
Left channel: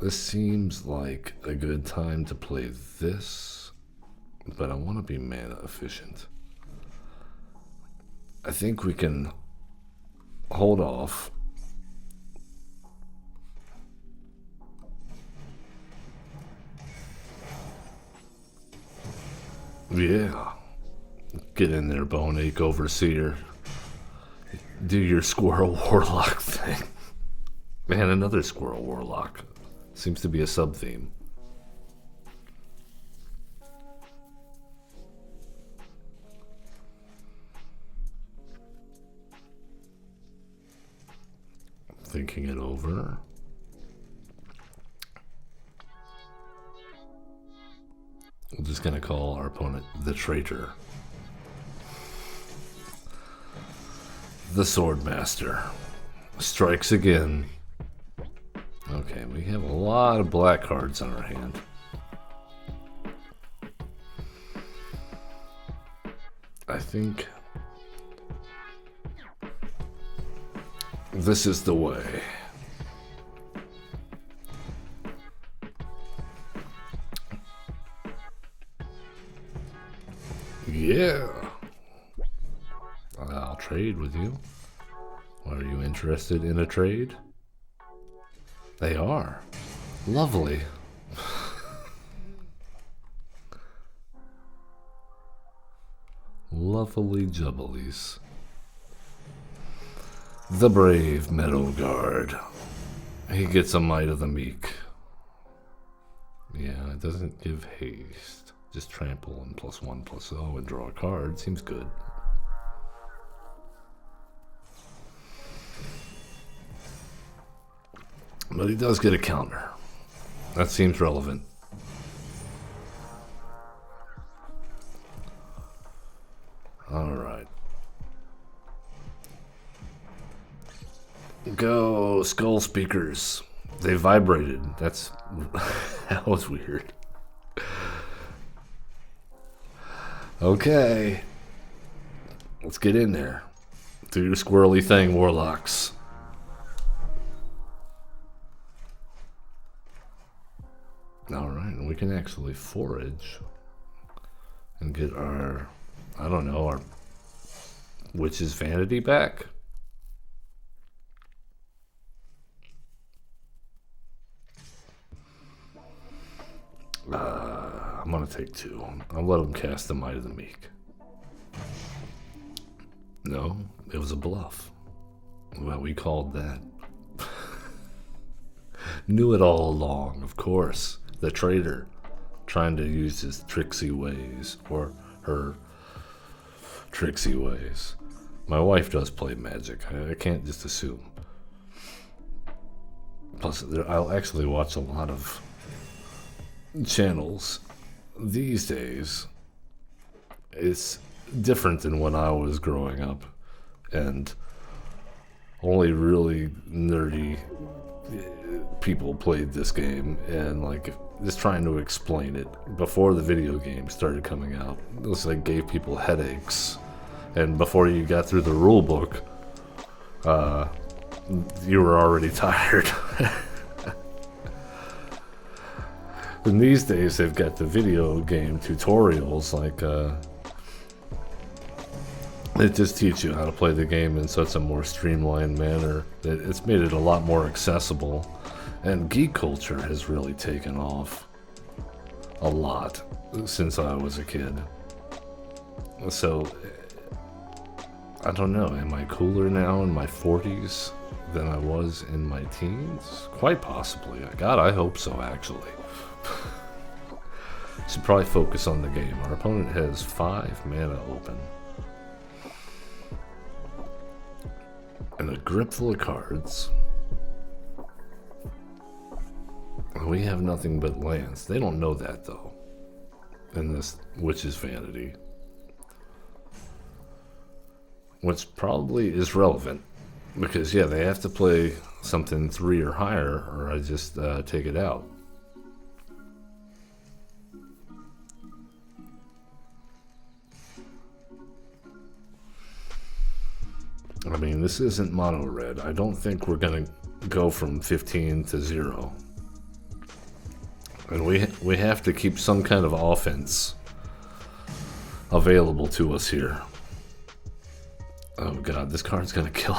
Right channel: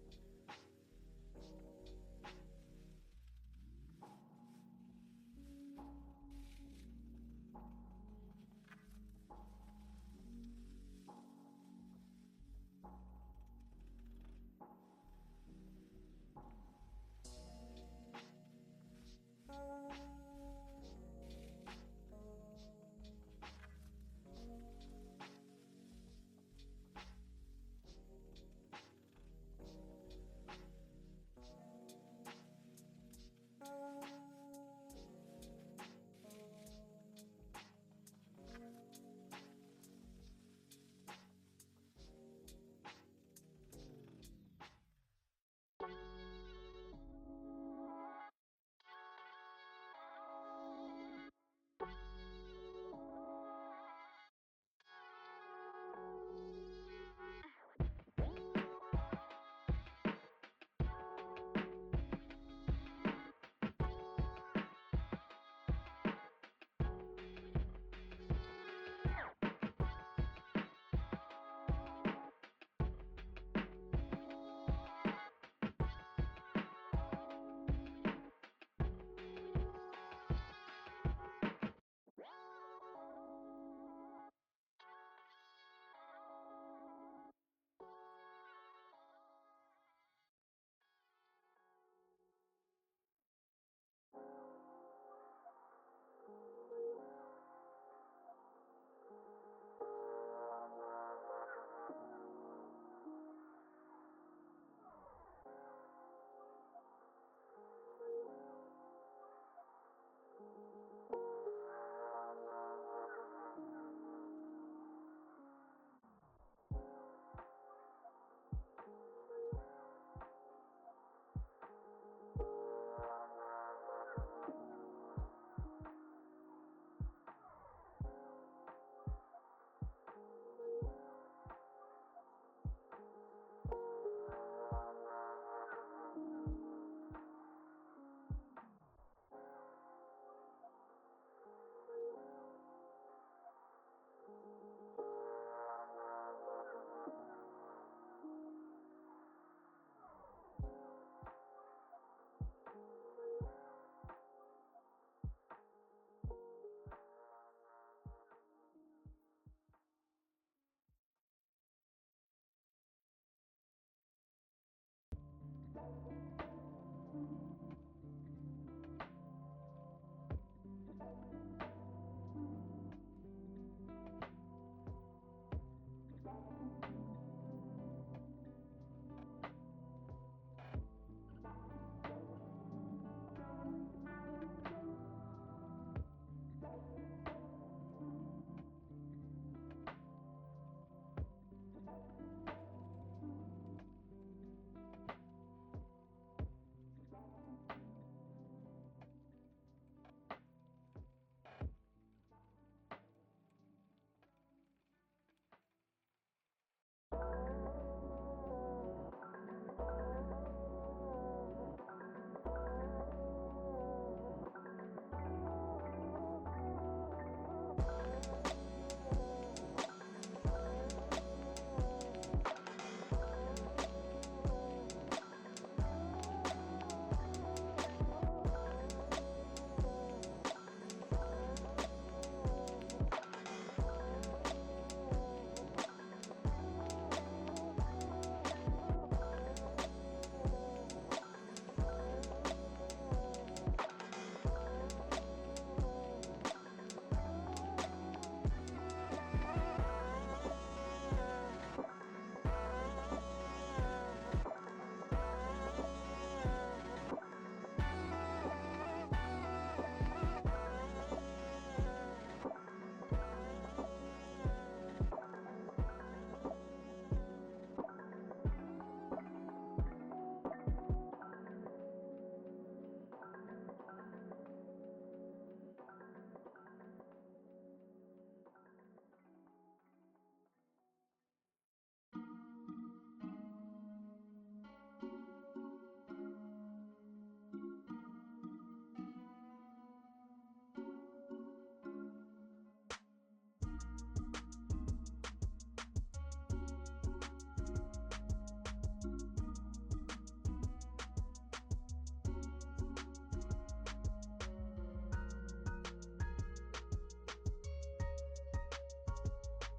This seems like a good time to play this, but I want to be mana efficient. I think we can hold off. Yeah. Get in there, Boneache Overseer. Do your Squirrel Warlock thing. Man, another Squirrel Warlock. Seems to be a sub-theme. Thinking it over. We're just gonna call our opponent the traitor. The Swordmaster strikes again. Okay, we have a lot of black cards on our hand. I think this is the way. Yeah. I'll trade with you. Are you interested in a trade? They are. Lovely. Lovely jubblies. The brave Meadow Guard. He gets a Might of the Meek. Yeah, it doesn't give haste. Just trample and +1/+0 and draw a card. Seems good. But he does get a counter. That seems relevant. Alright. Go, skull speakers. They vibrated. That's... that was weird. Okay. Let's get in there. Do your squirrely thing, warlocks. Alright, we can actually forage and get our, I don't know, our witch's vanity back. I'm gonna take 2. I'll let him cast the Might of the Meek. No, it was a bluff. Well, we called that. Knew it all along, of course. The traitor, trying to use his tricksy ways, or her tricksy ways. My wife does play Magic. I can't just assume. Plus, I'll actually watch a lot of channels these days. It's different than when I was growing up, and only really nerdy people played this game, and like just trying to explain it before the video game started coming out, it was like gave people headaches, and before you got through the rule book, you were already tired. And these days they've got the video game tutorials, like they just teach you how to play the game in such a more streamlined manner. It's made it a lot more accessible, and geek culture has really taken off a lot since I was a kid. So, I don't know, am I cooler now in my 40s than I was in my teens? Quite possibly. God, I hope so, actually. Should probably focus on the game. Our opponent has 5 mana open. And a grip full of cards. We have nothing but lands. They don't know that, though, in this Witch's Vanity. Which probably is relevant, because, yeah, they have to play something 3 or higher, or I just take it out. I mean, this isn't mono red. I don't think we're gonna go from 15 to 0. And we have to keep some kind of offense available to us here. Oh god, this card's gonna kill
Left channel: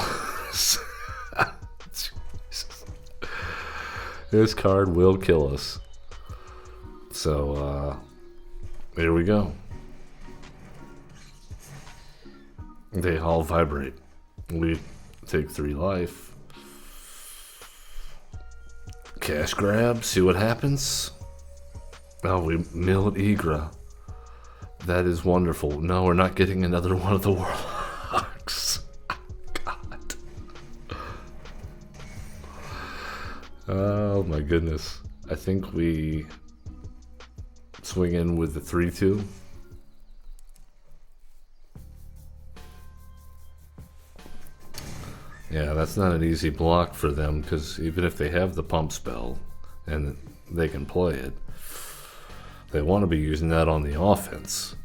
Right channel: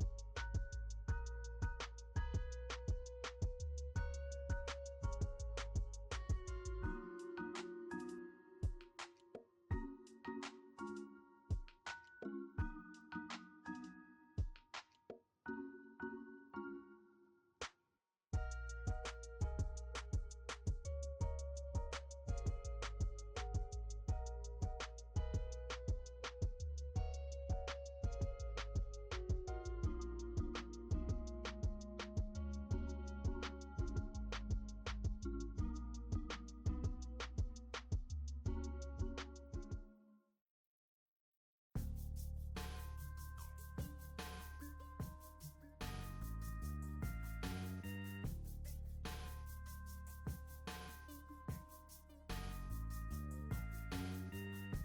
us. This card will kill us. So, here we go. They all vibrate. We take 3 life. Cash grab, see what happens. Oh, we milled Igra. That is wonderful. No, we're not getting another one of the warlocks. God. Oh my goodness. I think we swing in with the 3/2. Yeah, that's not an easy block for them, because even if they have the pump spell and they can play it, they want to be using that on the offense.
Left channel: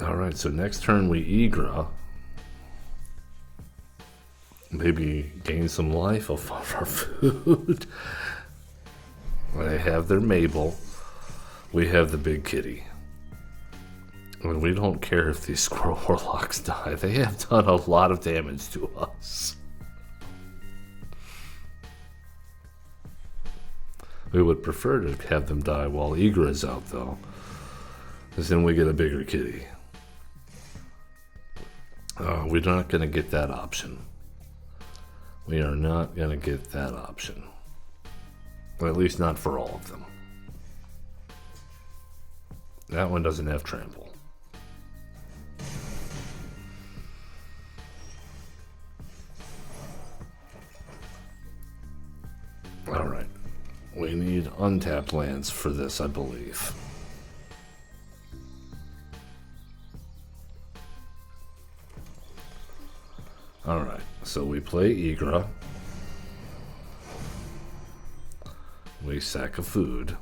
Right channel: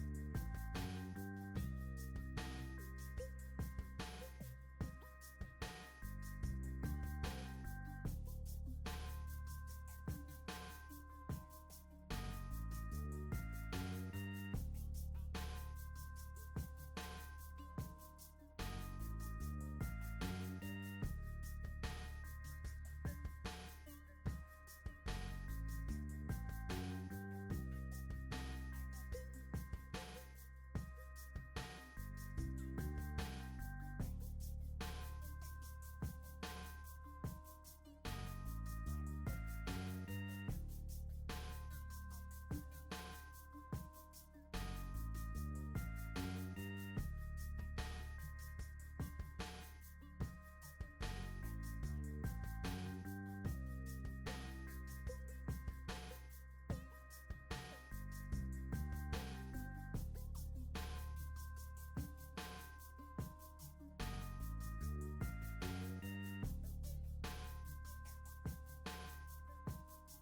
Alright, so next turn we Igra. Maybe gain some life off of our food. They have their Mabel. we have the big kitty. And we don't care if these squirrel warlocks die. They have done a lot of damage to us. We would prefer to have them die while Igra is out, though, because then we get a bigger kitty. We're not going to get that option. We are not going to get that option. Or at least not for all of them. That one doesn't have trample. Alright. We need untapped lands for this, I believe. Alright, so we play Igra. We sack a food.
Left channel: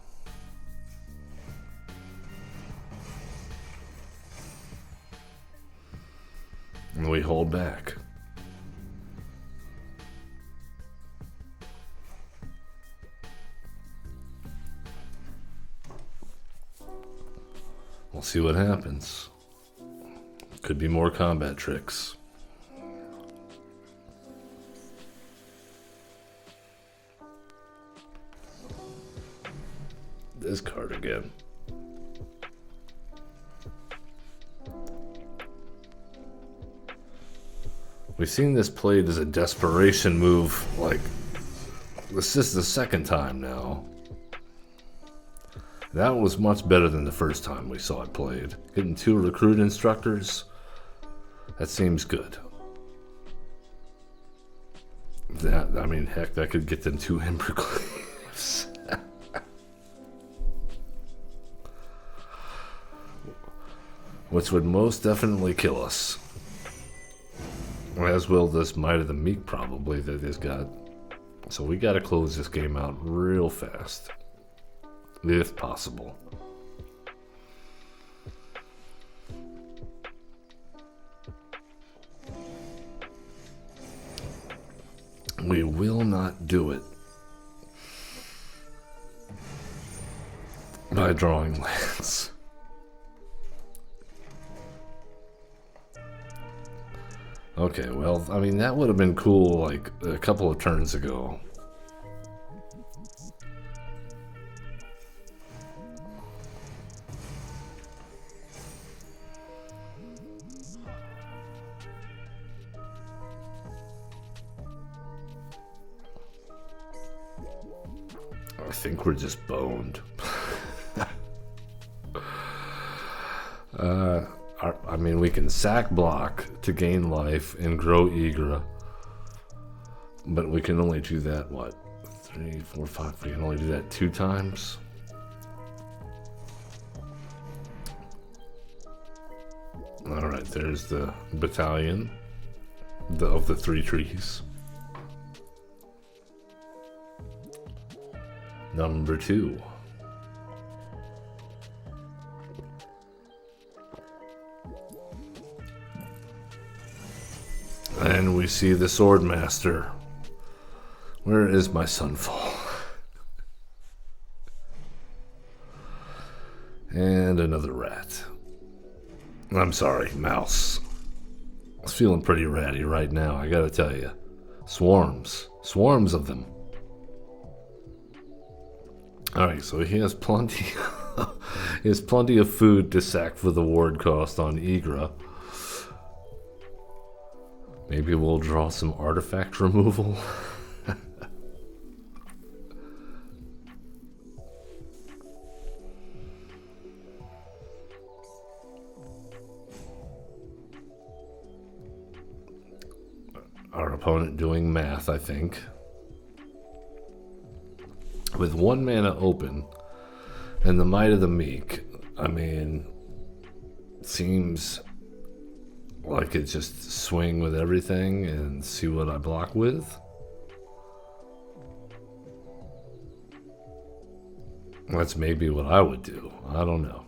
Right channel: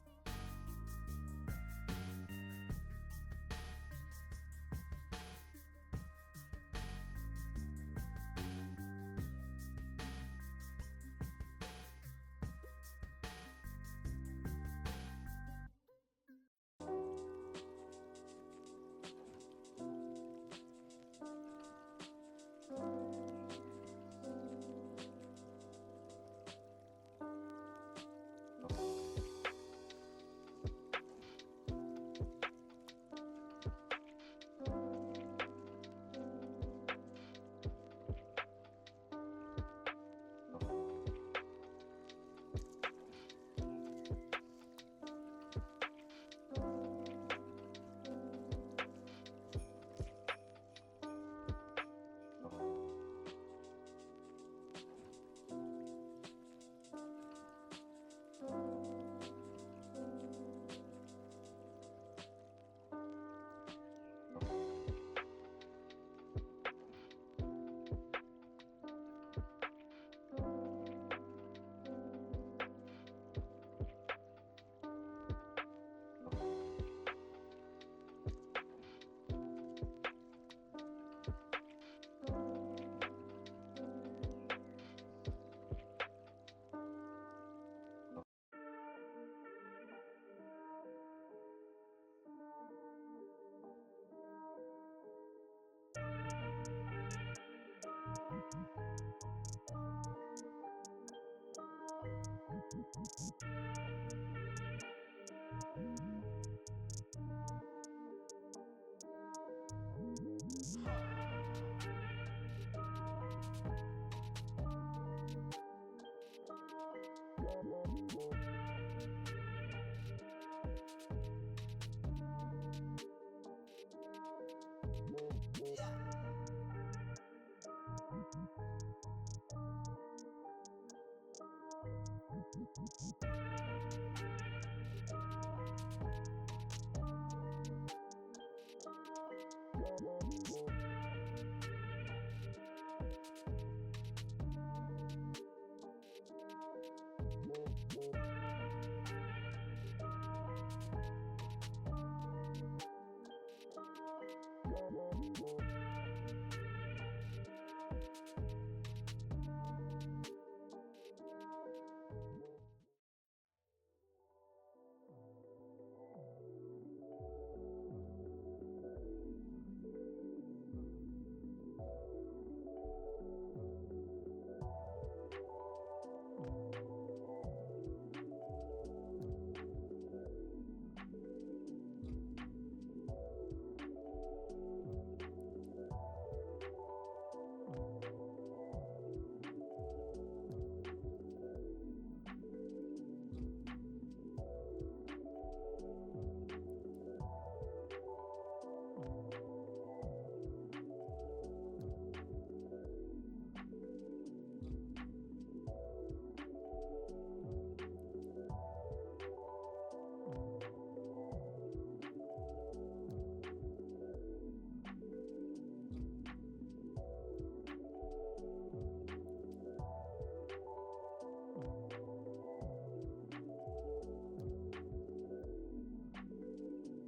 And we hold back. We'll see what happens. Could be more combat tricks. This card again. We've seen this played as a desperation move, like, this is the second time now. That was much better than the first time we saw it played. Getting 2 recruit instructors, that seems good. That, I mean, heck, that could get them 2 Embercleaves. Which would most definitely kill us. As will this Might of the Meek, probably, that is got. So we gotta close this game out real fast. If possible. We will not do it by drawing lands. Okay, well, I mean, that would have been cool like a couple of turns ago. I think we're just boned. I mean, we can sack block to gain life and grow Igra, but we can only do that, what? 3, 4, 5, we can only do that 2 times? Alright, there's the battalion of the 3 trees. Number 2. And we see the Swordmaster. Where is my Sunfall? And another rat. I'm sorry, mouse. It's feeling pretty ratty right now, I gotta tell you. Swarms. Swarms of them. Alright, so he has plenty he has plenty of food to sack for the ward cost on Igra. Maybe we'll draw some artifact removal. Our opponent doing math, I think. With 1 mana open and the Might of the Meek, I mean, seems like it just swing with everything and see what I block with. That's maybe what I would do. I don't know.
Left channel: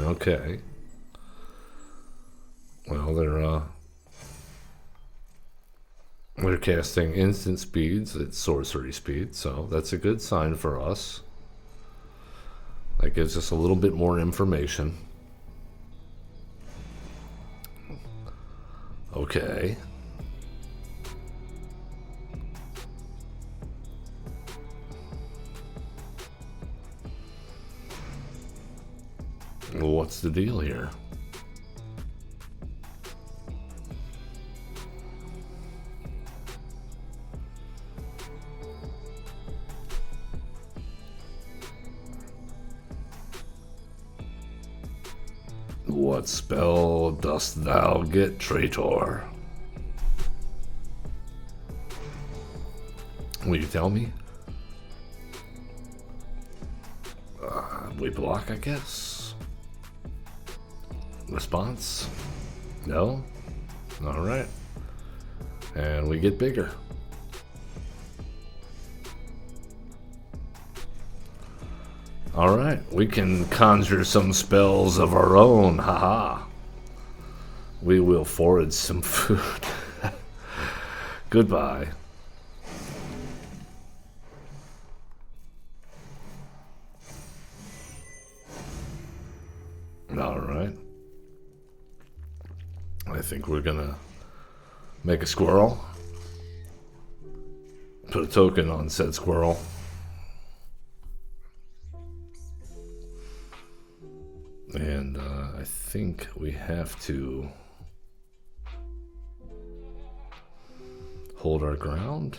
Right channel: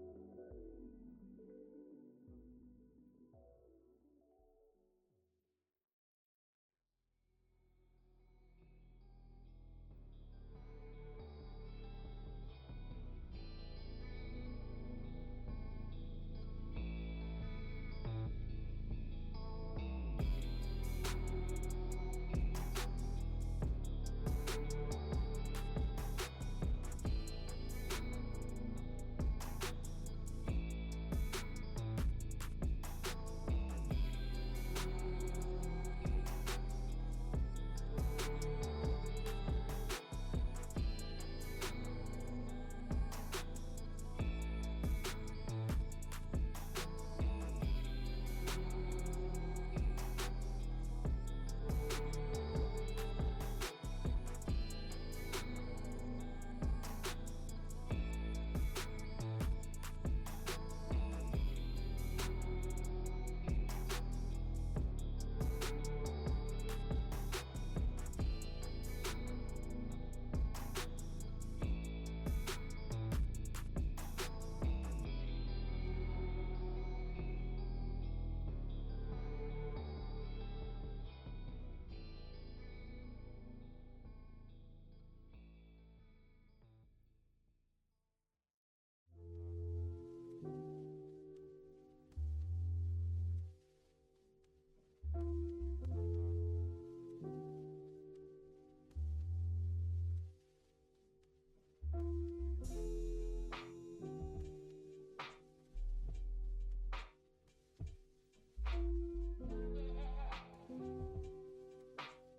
Okay. Well, they're We're casting instant speeds at sorcery speed, so that's a good sign for us. That gives us a little bit more information. Okay. Well, what's the deal here? What spell dost thou get, traitor? Will you tell me? We block, I guess. Response? No? Alright. And we get bigger. Alright, we can conjure some spells of our own, haha. We will forage some food. Goodbye. Alright. I think we're gonna make a squirrel. Put a token on said squirrel. And I think we have to hold our ground.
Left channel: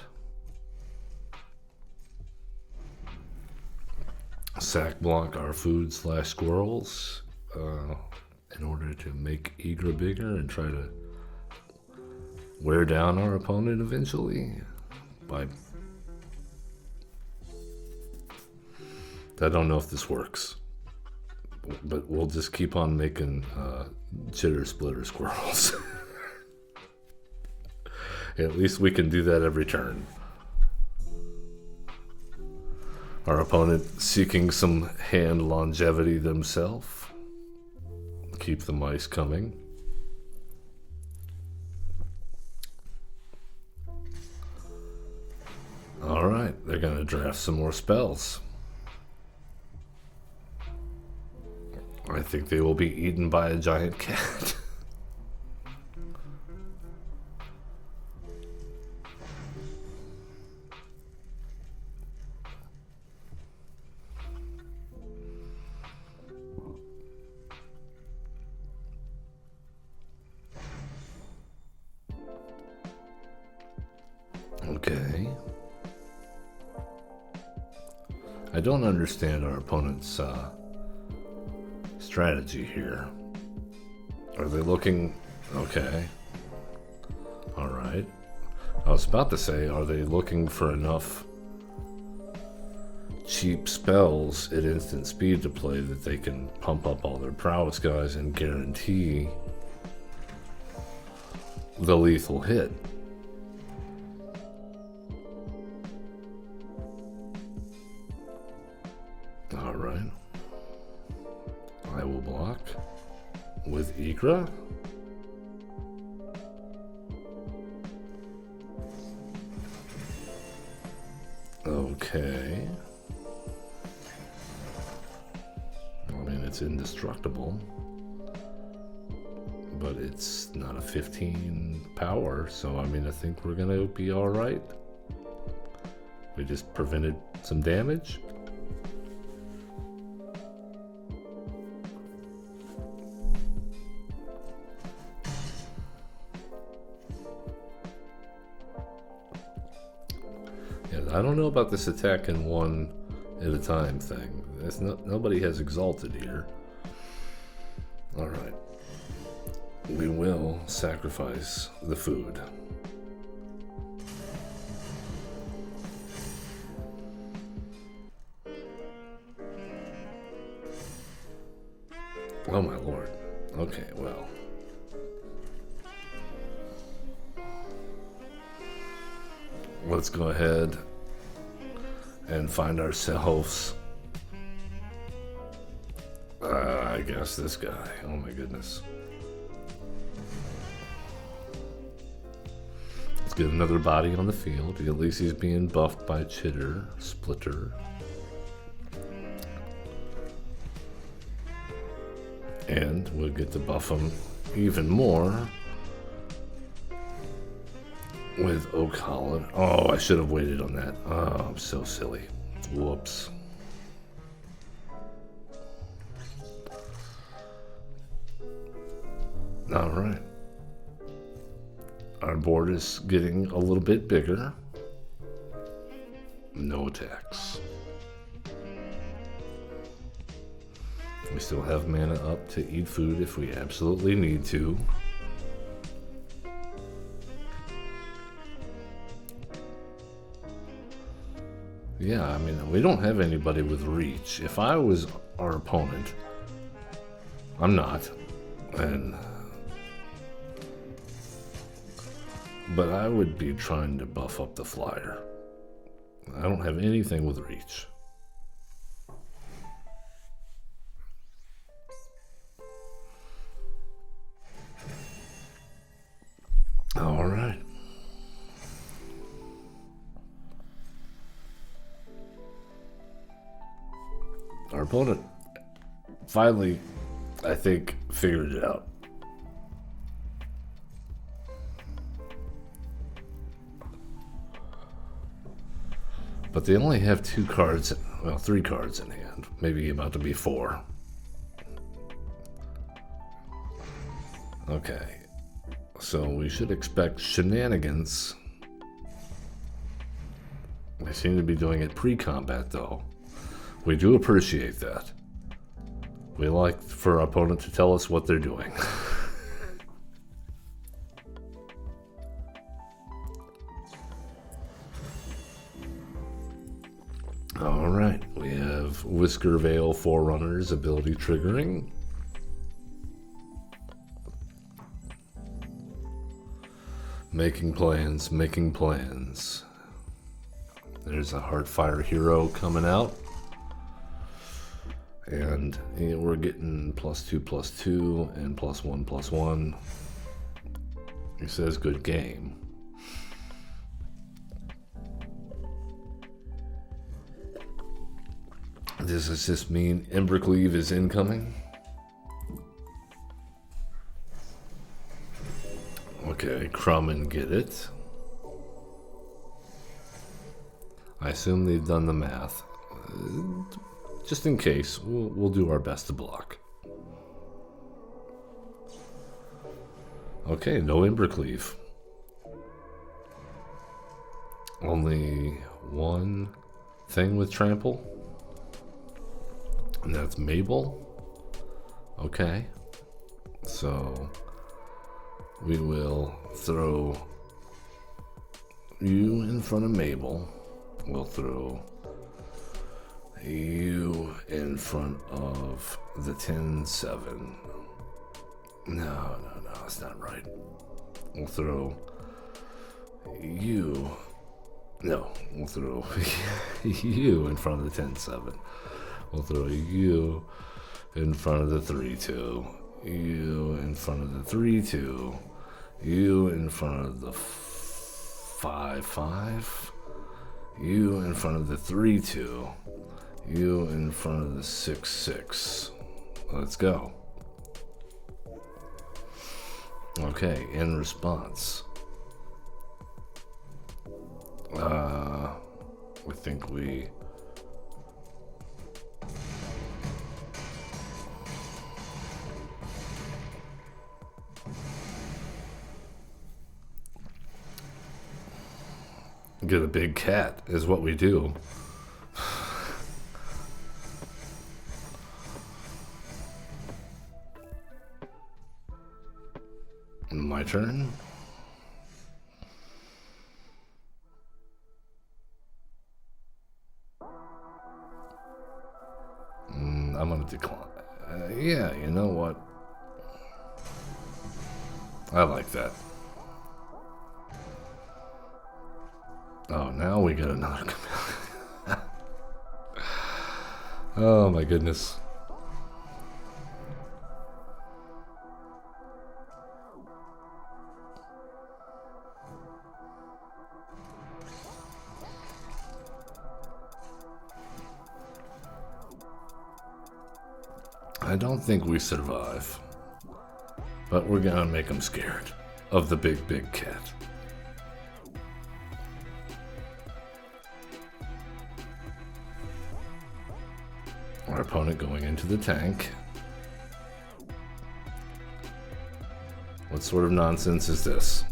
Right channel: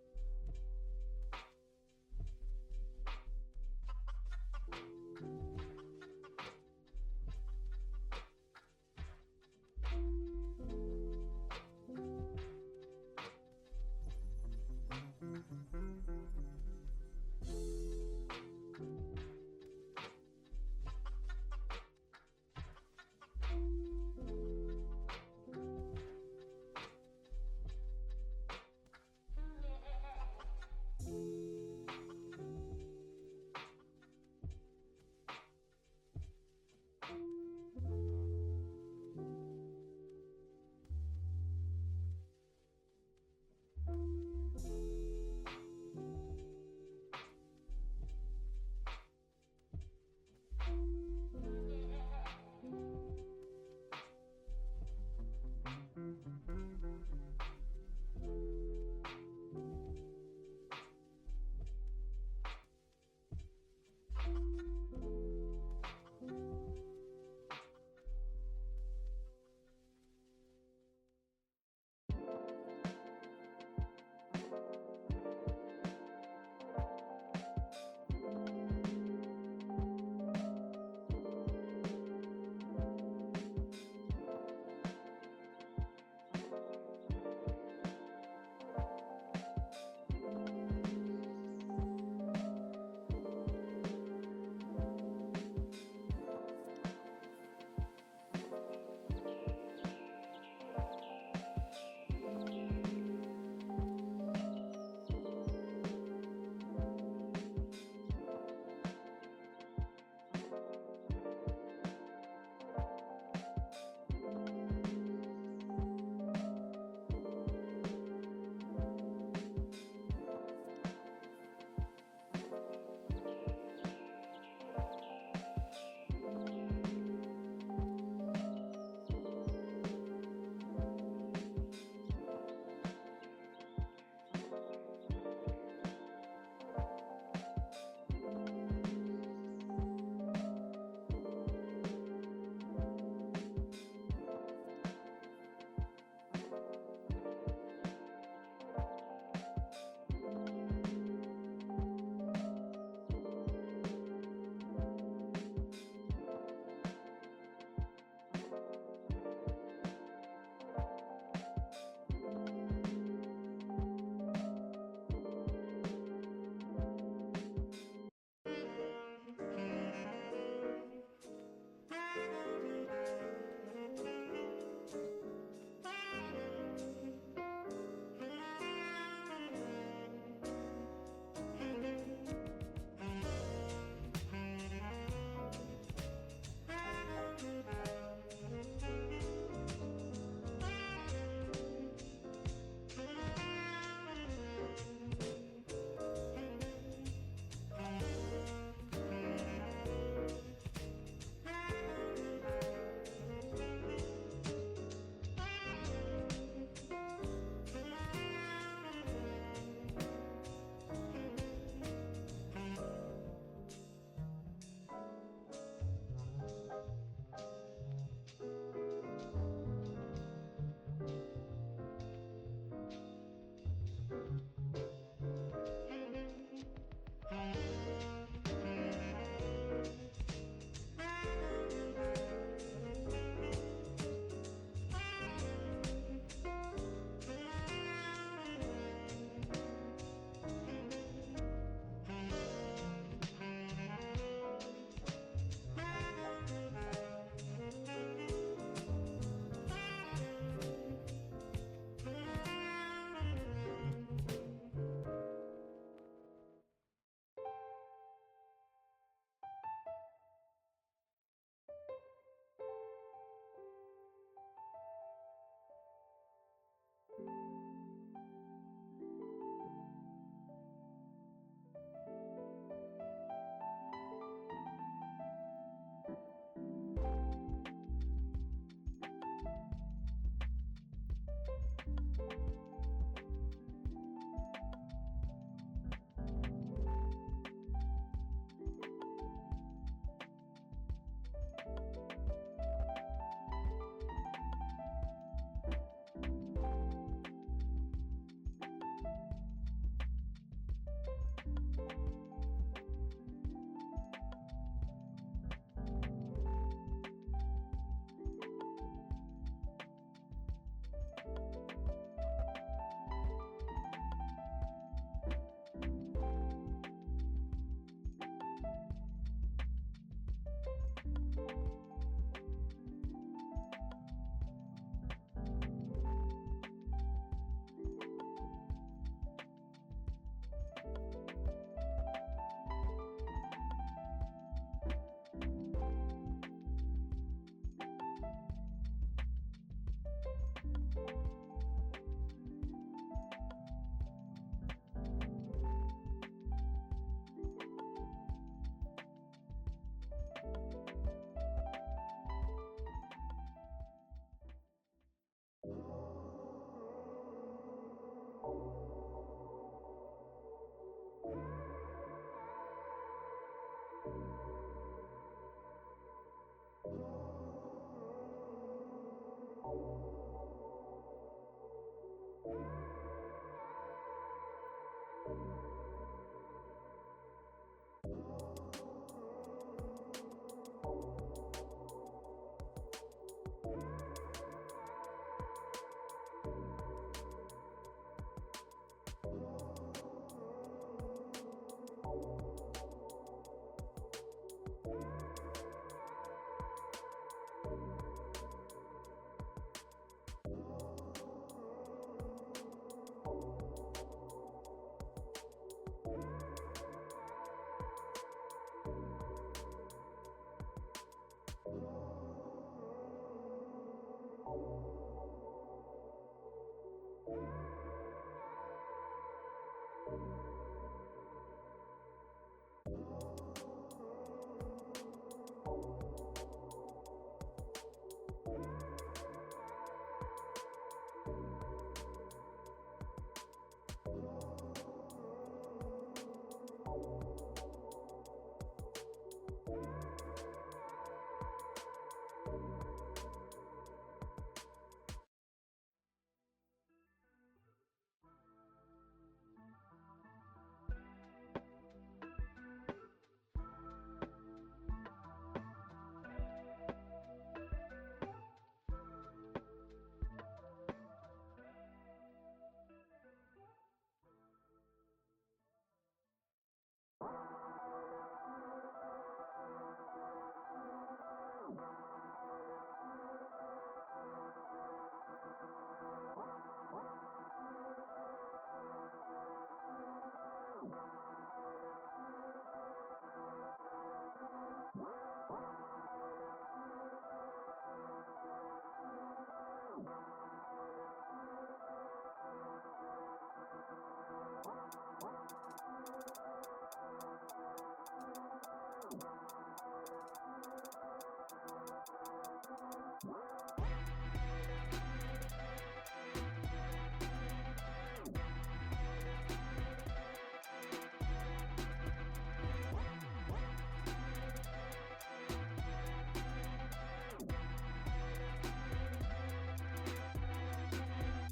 Sack block our food / squirrels in order to make Egra bigger and try to wear down our opponent eventually. I don't know if this works. But we'll just keep on making chitter splitter squirrels. At least we can do that every turn. Our opponent seeking some hand longevity themselves. Keep the mice coming. Alright, they're gonna draft some more spells. I think they will be eaten by a giant cat. Okay. I don't understand our opponent's strategy here. Are they looking... Okay. Alright. I was about to say, are they looking for enough cheap spells at instant speed to play that they can pump up all their prowess guys and guarantee the lethal hit? Alright. I will block with Egra. Okay. I mean, it's indestructible, but it's not a 15 power, so I mean, I think we're gonna be all right. We just prevented some damage. I don't know about this attack in one at a time thing. Nobody has exalted here. Alright. We will sacrifice the food. Oh my lord. Okay, well. Let's go ahead and find ourselves, I guess this guy. Oh my goodness. Let's get another body on the field. At least he's being buffed by Chitter, Splitter. And we'll get to buff him even more with Oak Holland. Oh, I should have waited on that. Oh, I'm so silly. Whoops. All right. Our board is getting a little bit bigger. No attacks. We still have mana up to eat food if we absolutely need to. Yeah, I mean, we don't have anybody with reach. If I was our opponent, I'm not, but I would be trying to buff up the flyer. I don't have anything with reach. All right. Our opponent finally, I think, figured it out. But they only have 2 cards, well, 3 cards in hand, maybe about to be 4. Okay, so we should expect shenanigans. They seem to be doing it pre-combat, though. We do appreciate that. We like for our opponent to tell us what they're doing. Alright, we have Whisker Veil Forerunners ability triggering. Making plans, making plans. There's a Heartfire Hero coming out. And we're getting +2/+2 and +1/+1. He says good game. Does this mean Embercleave is incoming? Okay, Crumb and get it. I assume they've done the math. Just in case, we'll do our best to block. Okay, no Embercleave. Only one thing with trample. And that's Mabel. Okay. So we will throw you in front of Mabel. We'll throw you in front of the 10-7. No, that's not right. We'll throw you. No, we'll throw you in front of the 10-7. We'll throw you in front of the 3-2. You in front of the 3-2. You in front of the 5-5. You in front of the 3-2. You in front of the 6-6. Let's go. Okay, in response. I think we get a big cat is what we do. My turn. I'm gonna decline. Yeah, you know what? I like that. Oh, now we get another chameleon. Oh my goodness. I don't think we survive. But we're gonna make them scared of the big cat. Our opponent going into the tank. What sort of nonsense is this?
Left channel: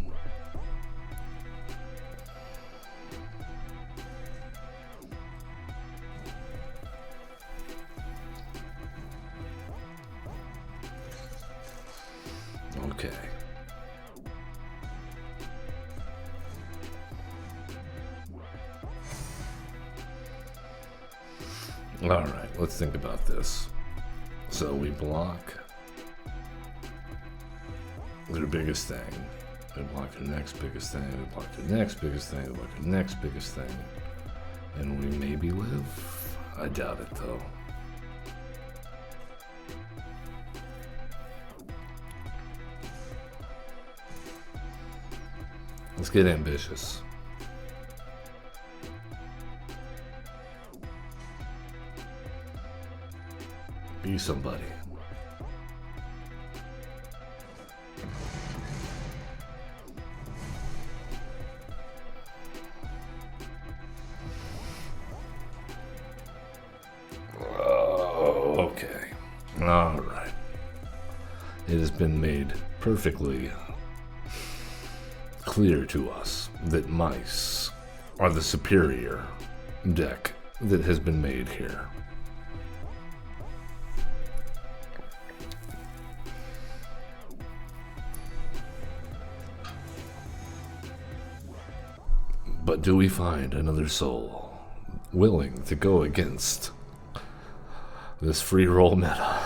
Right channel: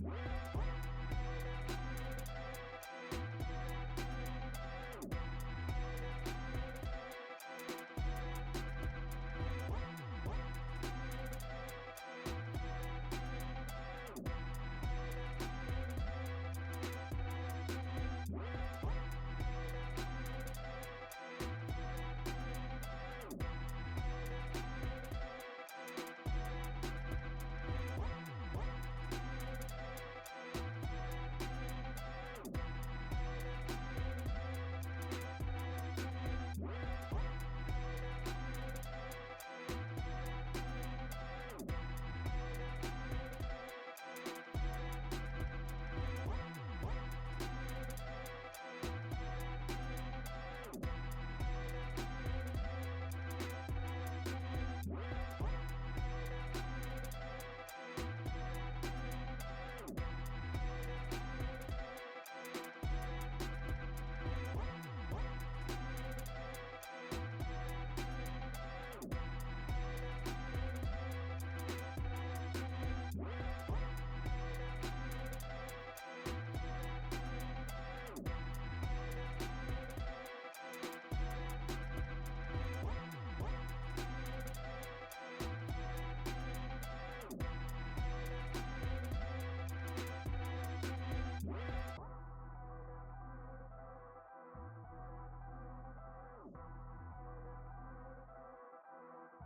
Okay. All right, let's think about this. So we block their biggest thing. We block the next biggest thing. We block the next biggest thing. We block the next biggest thing. And we maybe live. I doubt it though. Let's get ambitious. Be somebody. Oh, okay. All right. It has been made perfectly clear to us that mice are the superior deck that has been made here. But do we find another soul willing to go against this free roll meta?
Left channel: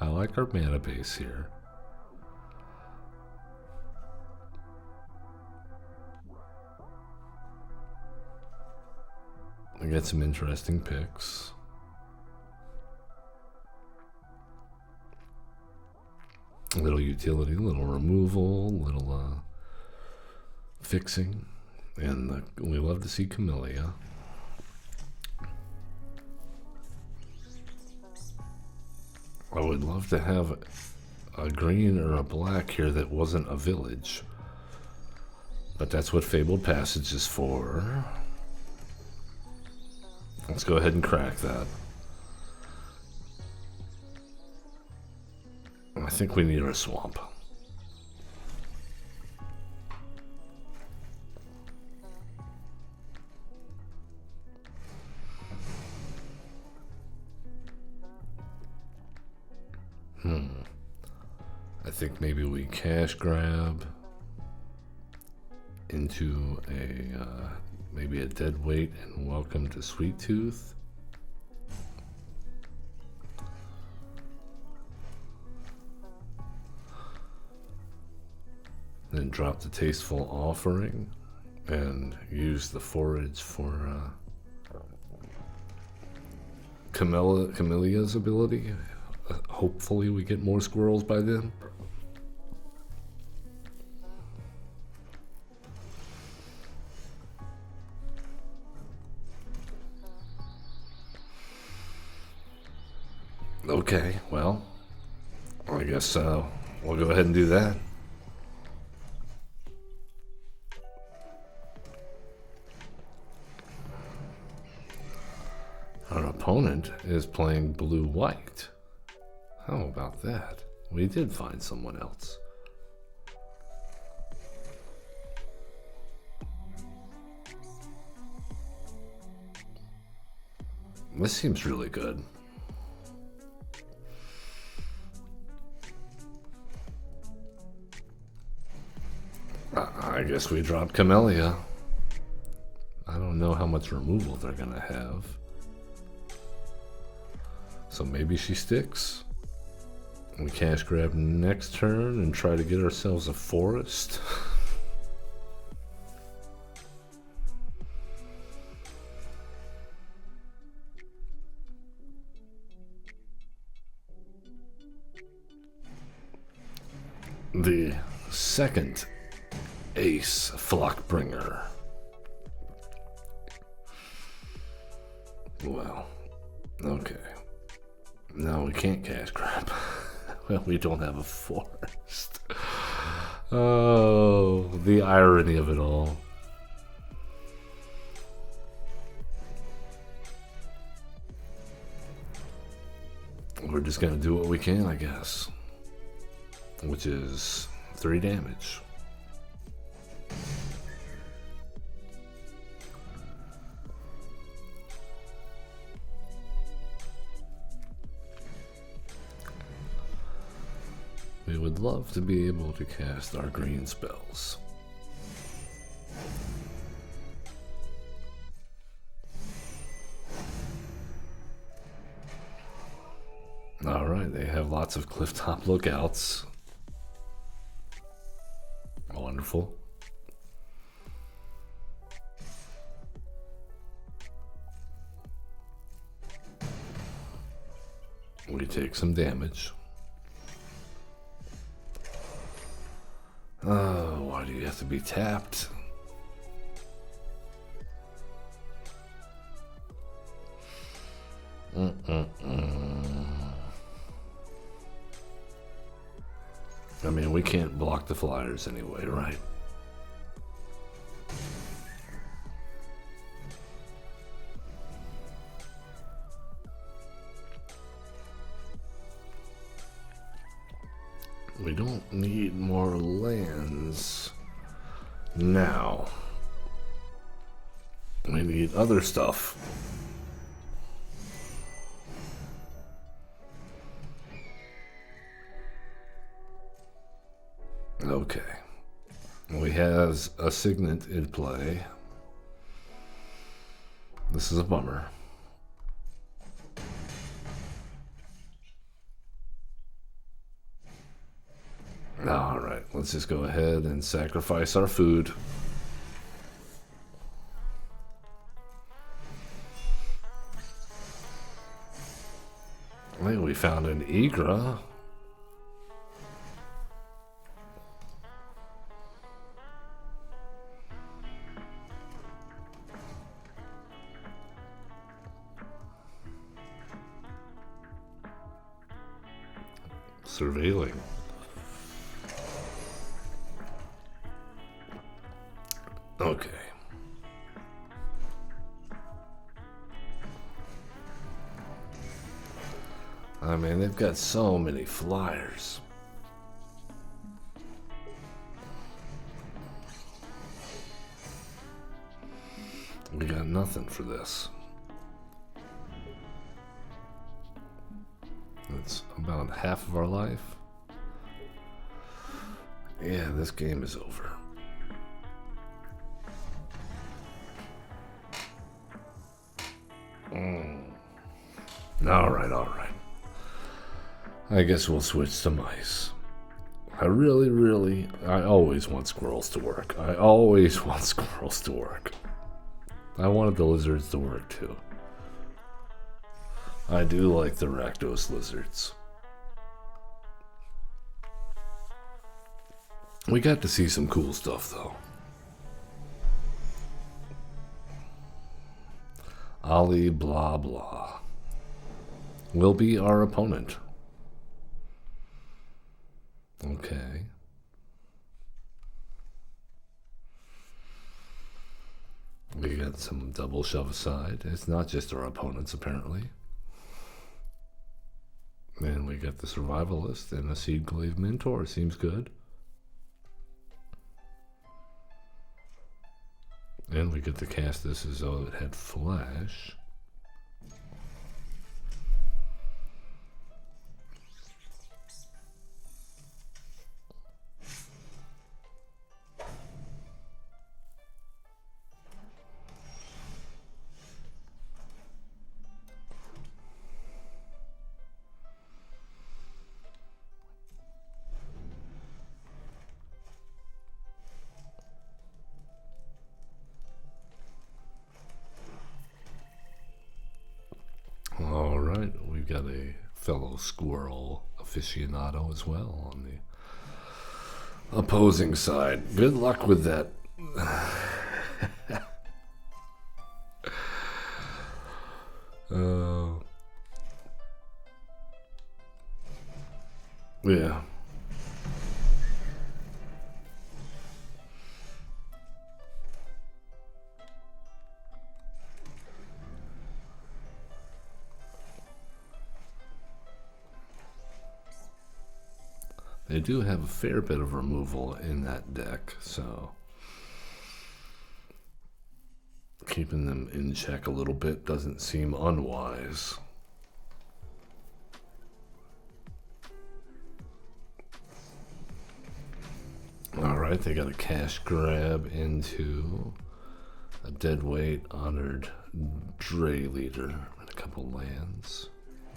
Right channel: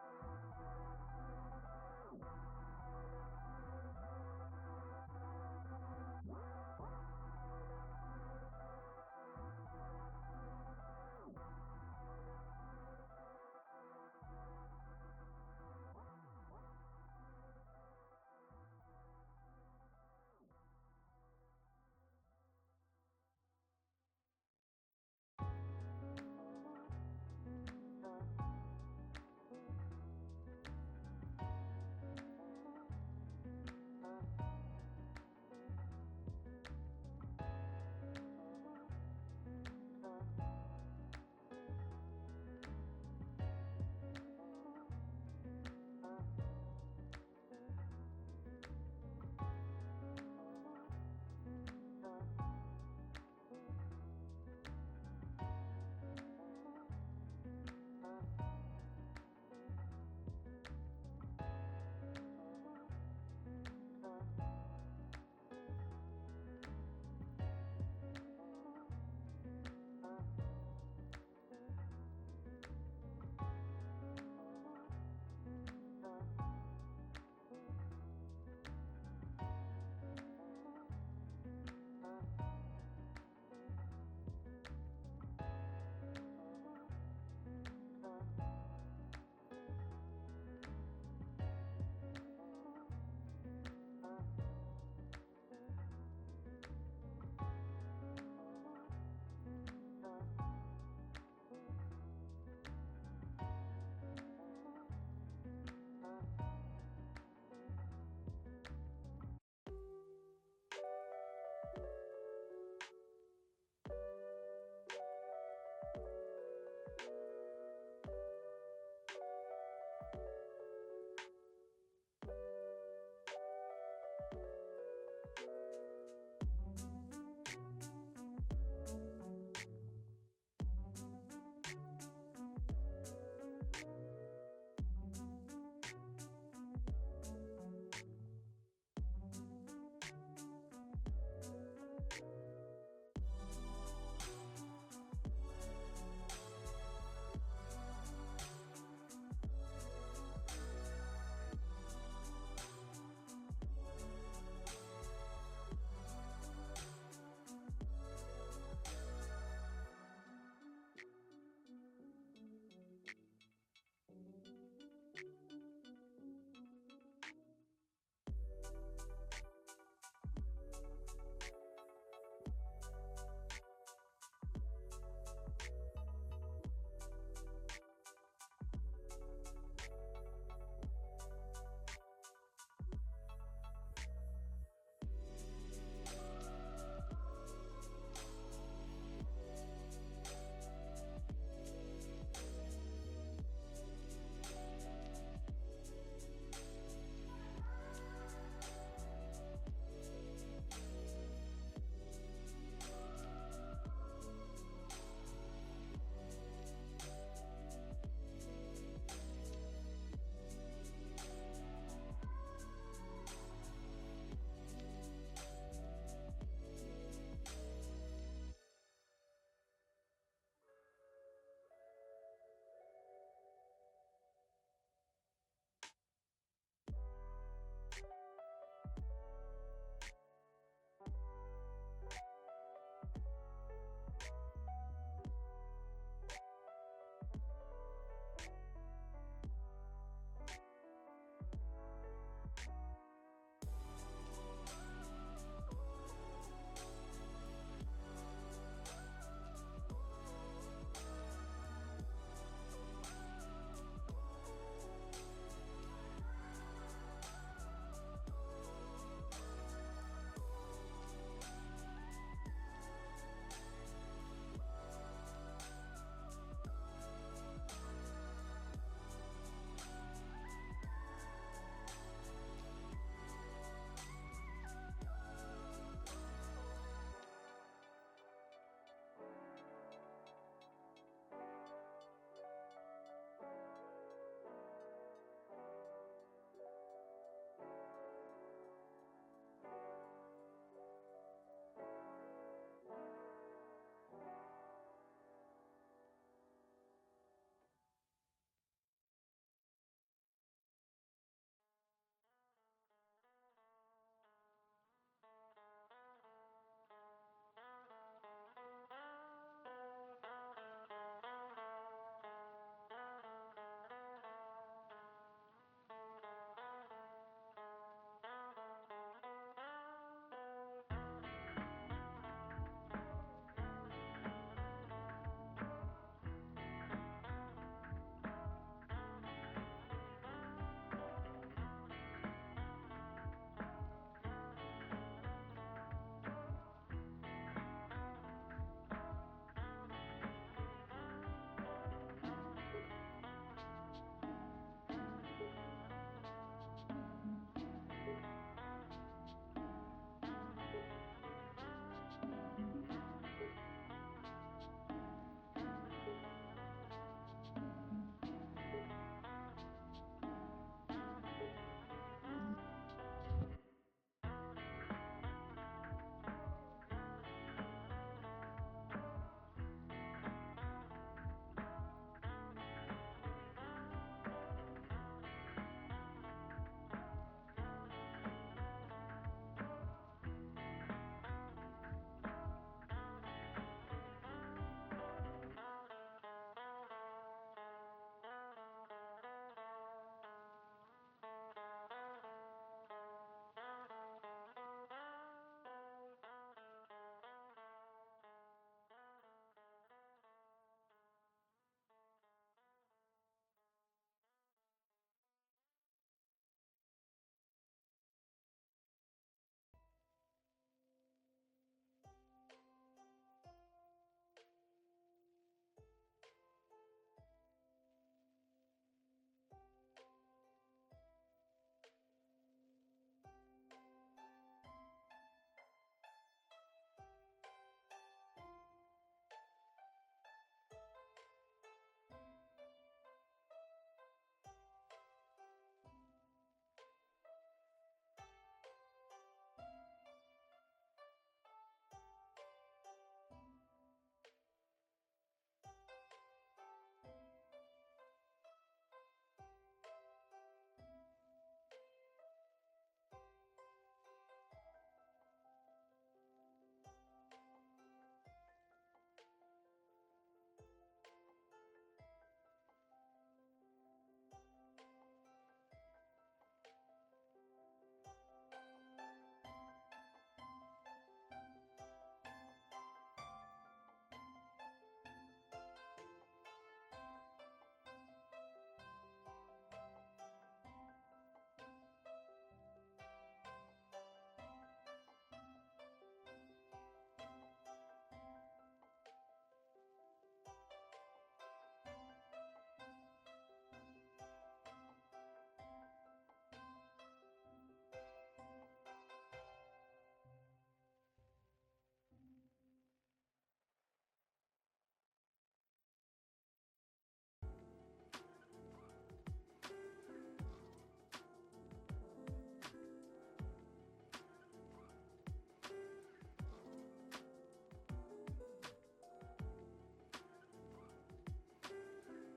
I like our mana base here. We get some interesting picks. A little utility, a little removal, a little fixing, and we love to see Camellia. I would love to have a green or a black here that wasn't a village, but that's what Fabled Passage is for. Let's go ahead and crack that. I think we need our swamp. I think maybe we cash grab into a maybe a dead weight and welcome to Sweet Tooth. Then drop the Tasteful Offering and use the forage for Camellia's ability. Hopefully we get more squirrels by then. Okay, well, I guess we'll go ahead and do that. Our opponent is playing blue-white. How about that? We did find someone else. This seems really good. I guess we drop Camellia. I don't know how much removal they're gonna have. So maybe she sticks. We cash grab next turn and try to get ourselves a forest. The second ace Flockbringer. Well, Okay. No, we can't cash crap. Well, we don't have a forest. Oh, the irony of it all. We're just gonna do what we can, I guess. Which is 3 damage. We would love to be able to cast our green spells. Alright, they have lots of clifftop lookouts. Wonderful. We take some damage. Oh, why do you have to be tapped? I mean, we can't block the flyers anyway, right? We don't need more lands now. We need other stuff. Okay. We have a signet in play. This is a bummer. Alright, let's just go ahead and sacrifice our food. I think we found an Egra. Surveilling. Okay. I mean, they've got so many flyers. We got nothing for this. It's about half of our life. Yeah, this game is over. Alright. I guess we'll switch to mice. I always want squirrels to work. I always want squirrels to work. I wanted the lizards to work too. I do like the Rakdos lizards. We got to see some cool stuff though. Ali blah blah will be our opponent. Okay. We got some double shove aside. It's not just our opponents apparently. And we got the survivalist and a seed glaive mentor. Seems good. And we get to cast this as though it had flash. Got a fellow squirrel aficionado as well on the opposing side. Good luck with that. Yeah. They do have a fair bit of removal in that deck, so keeping them in check a little bit doesn't seem unwise. Alright, they got a cash grab into a deadweight honored Dray Leader and a couple lands.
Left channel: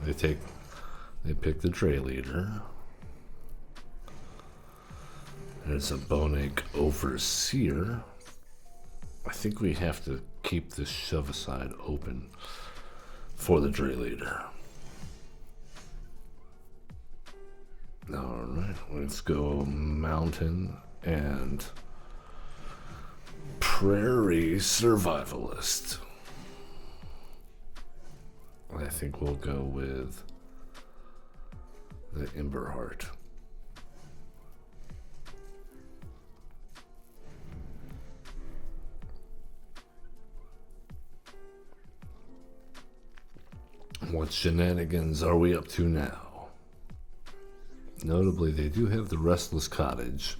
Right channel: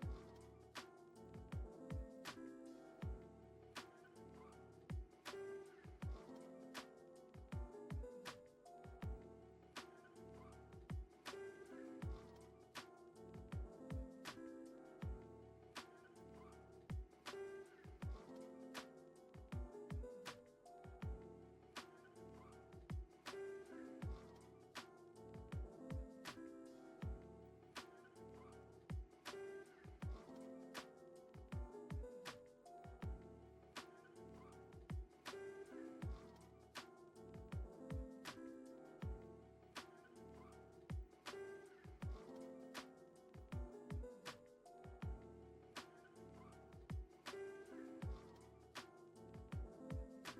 They pick the Dray Leader. There's a Bonac Overseer. I think we have to keep this shove aside open for the Dray Leader. Alright, let's go Mountain and Prairie Survivalist. I think we'll go with the Emberheart. What shenanigans are we up to now? Notably, they do have the Restless Cottage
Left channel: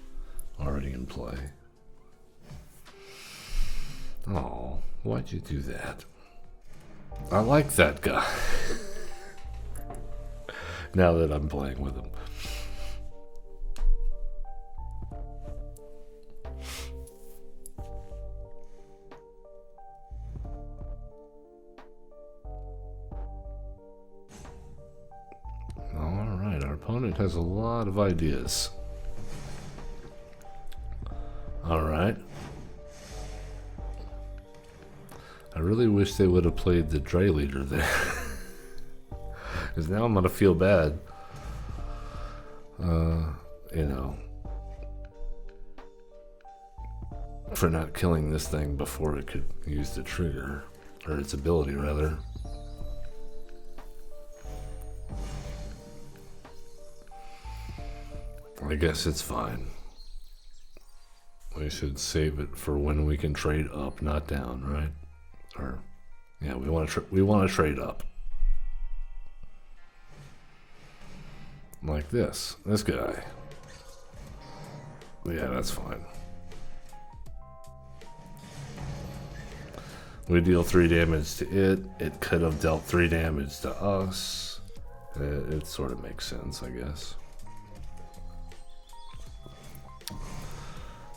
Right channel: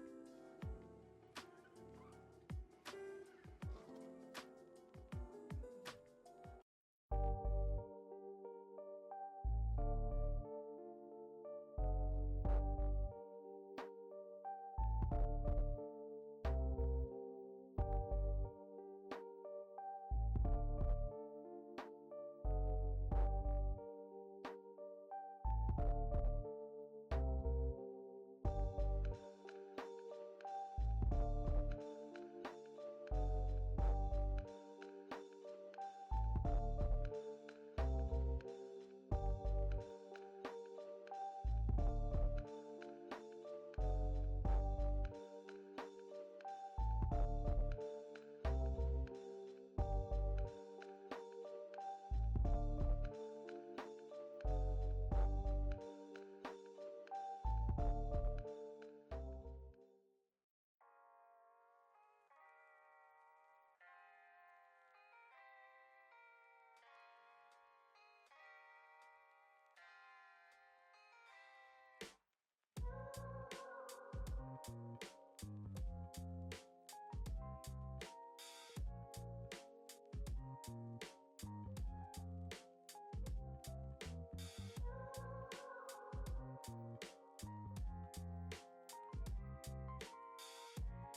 already in play. Oh, why'd you do that? I like that guy. Now that I'm playing with him. Alright, our opponent has a lot of ideas. Alright. I really wish they would have played the Dray Leader there. Because now I'm going to feel bad. You know. For not killing this thing before it could use the trigger. Or its ability, rather. I guess it's fine. We should save it for when we can trade up, not down, right? Or, yeah, we want to trade up. Like this guy. Yeah, that's fine. We deal 3 damage to it. It could have dealt 3 damage to us. It sort of makes sense, I guess.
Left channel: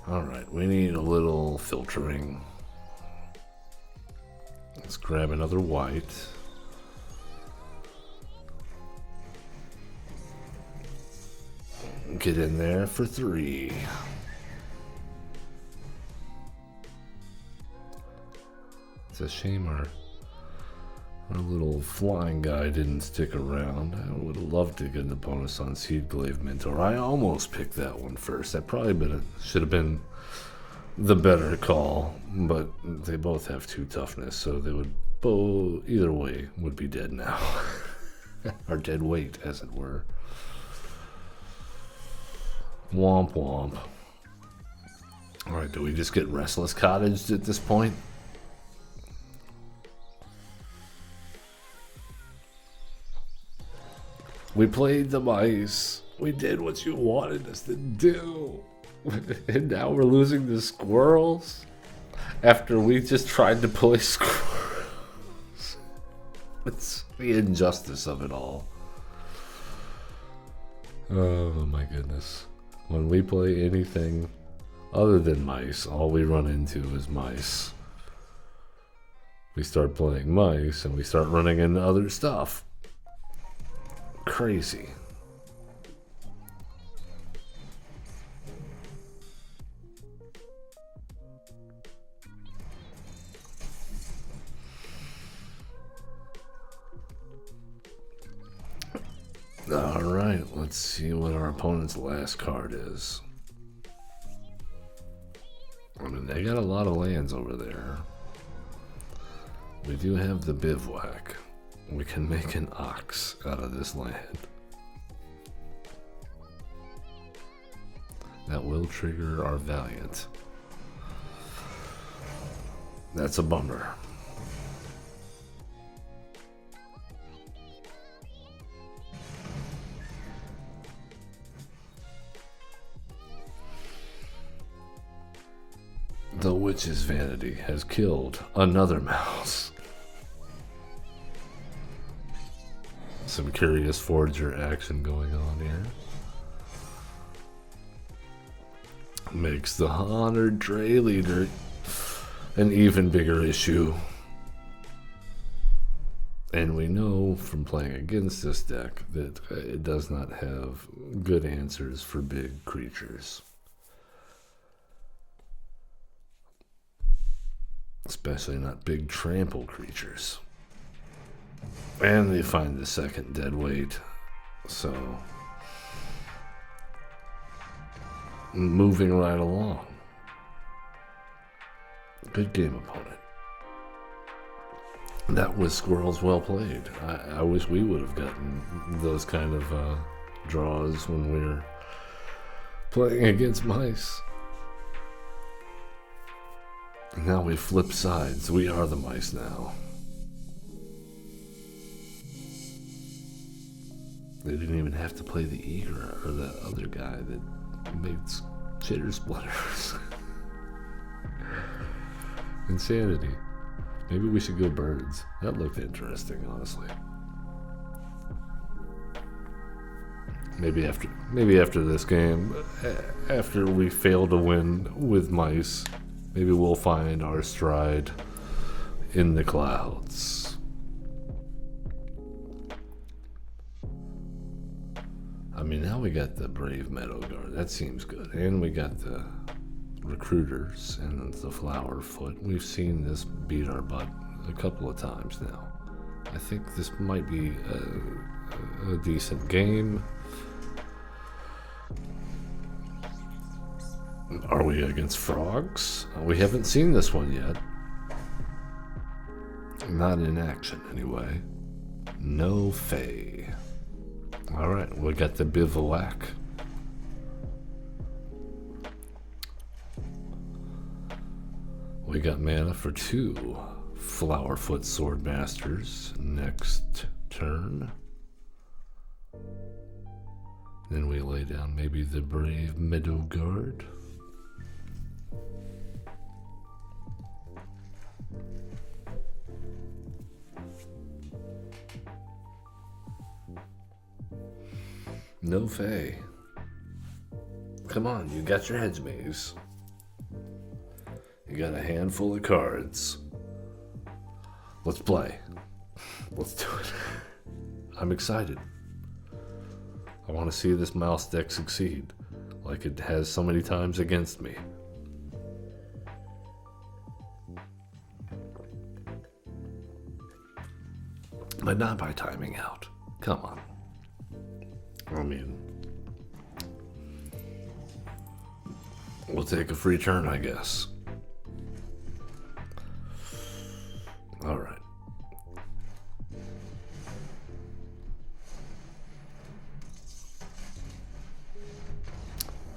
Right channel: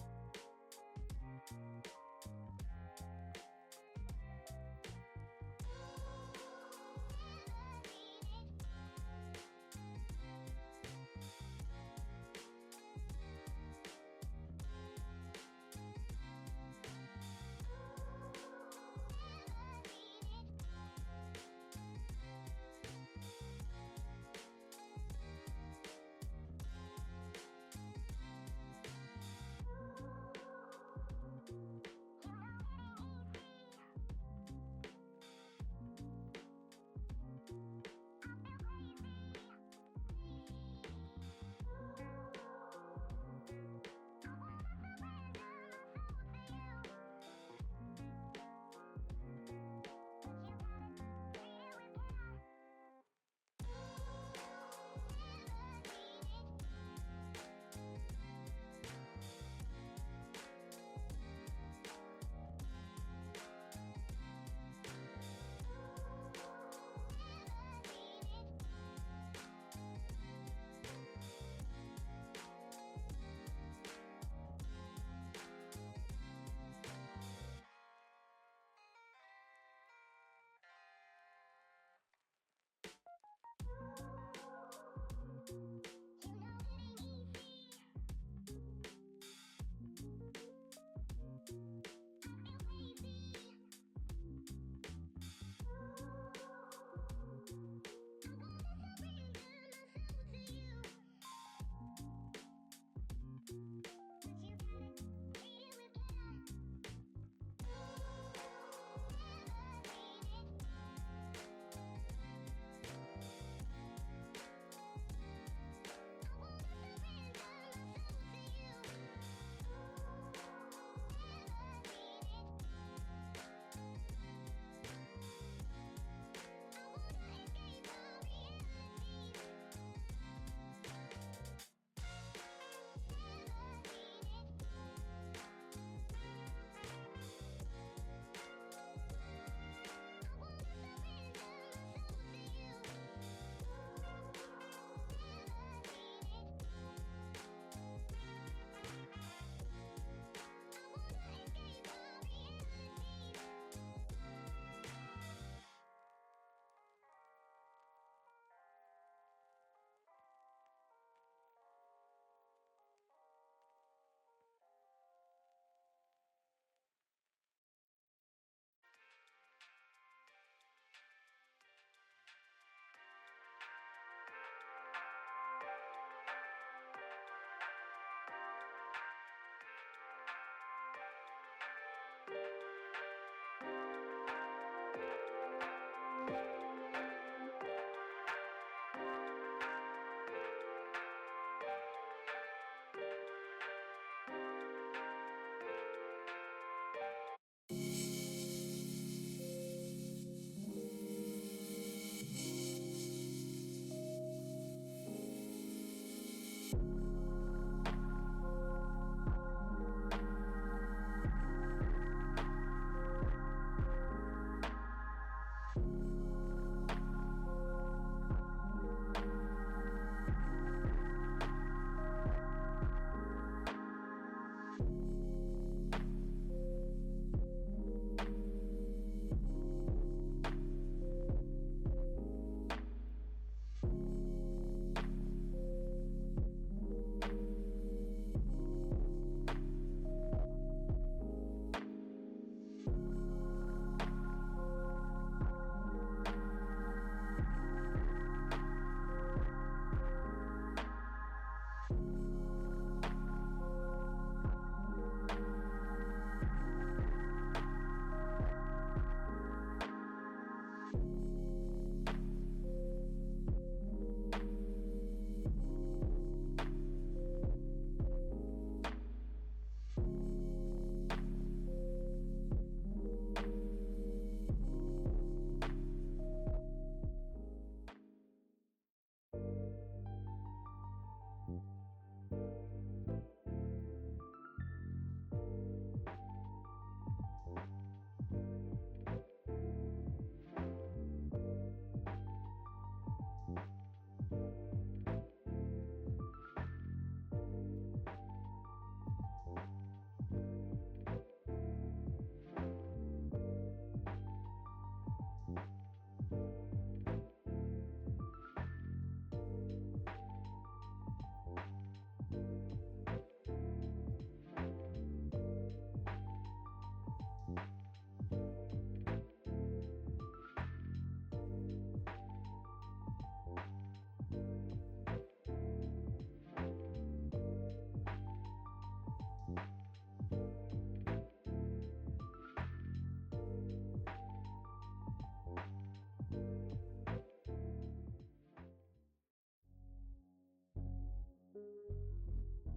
Alright, we need a little filtering. Let's grab another white. Get in there for 3. It's a shame our little flying guy didn't stick around. I would have loved to get the bonus on Seedglaive Mentor. I almost picked that one first. That probably should have been the better call, but they both have 2 toughness, so they would both, either way, would be dead now. Or dead weight, as it were. Womp womp. Alright, do we just get Restless Cottaged at this point? We played the mice. We did what you wanted us to do. And now we're losing the squirrels? After we just tried to play squirrels? It's the injustice of it all. Oh my goodness. When we play anything other than mice, all we run into is mice. We start playing mice and we start running into other stuff. Crazy. Alright, let's see what our opponent's last card is. I mean, they got a lot of lands over there. We do have the Bivouac. We can make an ox out of this land. will trigger our Valiant. That's a bummer. The witch's vanity has killed another mouse. Some curious forger action going on here. Makes the honored Dre leader an even bigger issue. And we know from playing against this deck that it does not have good answers for big creatures. Especially not big trample creatures. And they find the second dead weight. So, moving right along. Good game, opponent. That was Squirrels well played. I wish we would have gotten those kind of draws when we were playing against mice. Now we flip sides. We are the mice now. They didn't even have to play the eager or the other guy that makes chitter splitters. Insanity. Maybe we should go birds. That looked interesting, honestly. Maybe after this game, after we fail to win with mice, maybe we'll find our stride in the clouds. I mean, now we got the Brave Meadow Guard. That seems good. And we got the Recruiters and the Flower Foot. We've seen this beat our butt a couple of times now. I think this might be a decent game. Are we against frogs? We haven't seen this one yet. Not in action, anyway. No Fae. Alright, we got the Bivouac. We got mana for 2 Flowerfoot Swordmasters next turn. Then we lay down maybe the Brave Meadow Guard. No Fae. Come on, you got your hedge maze. You got a handful of cards. Let's play. Let's do it. I'm excited. I want to see this mouse deck succeed, like it has so many times against me. But not by timing out. Come on. I mean, we'll take a free turn, I guess. All right.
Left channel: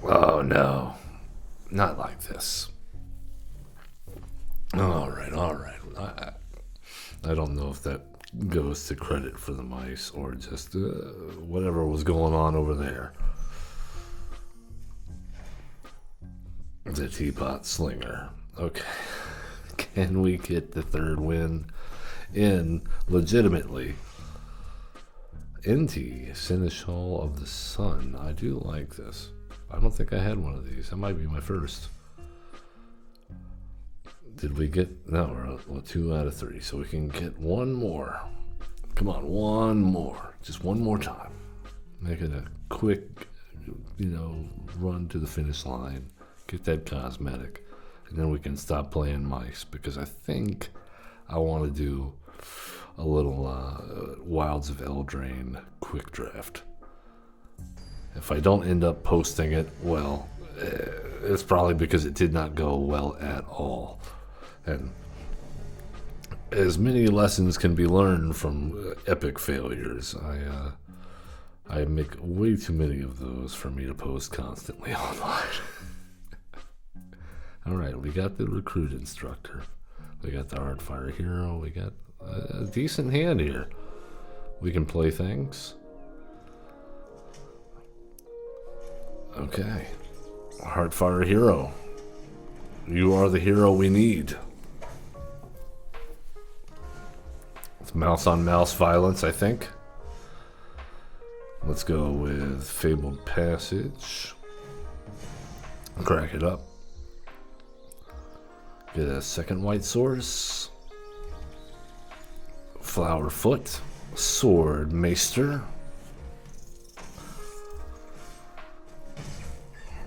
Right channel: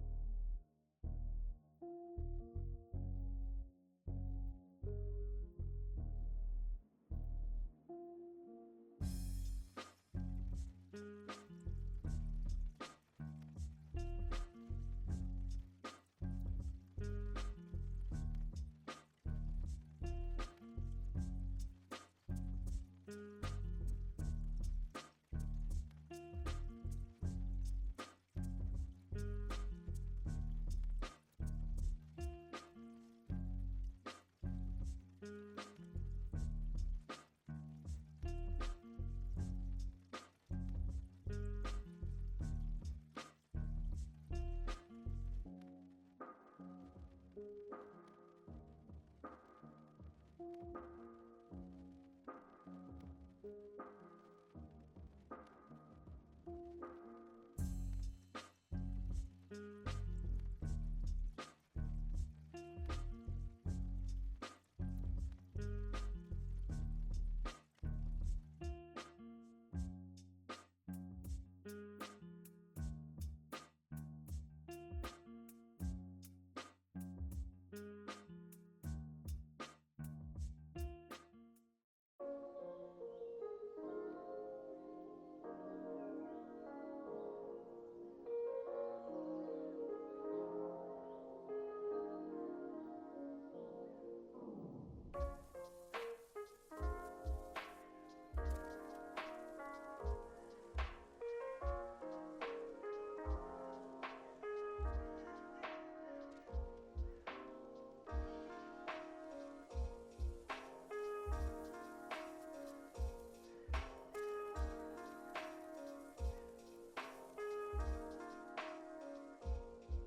Oh, no. Not like this. All right. I don't know if that goes to credit for the mice or just whatever was going on over there. The Teapot Slinger. Okay. Can we get the third win in legitimately? NT, Seneschal of the Sun. I do like this. I don't think I had one of these. That might be my first. Did we get... No, we're 2 out of 3, so we can get one more. Come on, one more. Just one more time. Make it a quick, run to the finish line. Get that cosmetic. And then we can stop playing mice, because I think I want to do a little Wilds of Eldraine quick draft. If I don't end up posting it, well, it's probably because it did not go well at all. And as many lessons can be learned from epic failures, I make way too many of those for me to post constantly online. Alright, we got the recruit instructor. We got the hardfire hero. We got a decent hand here. We can play things. Okay. Hardfire hero. You are the hero we need. It's mouse on mouse violence, I think. Let's go with Fabled Passage. Crack it up. Get a second white source. Flower Foot. Sword Maester.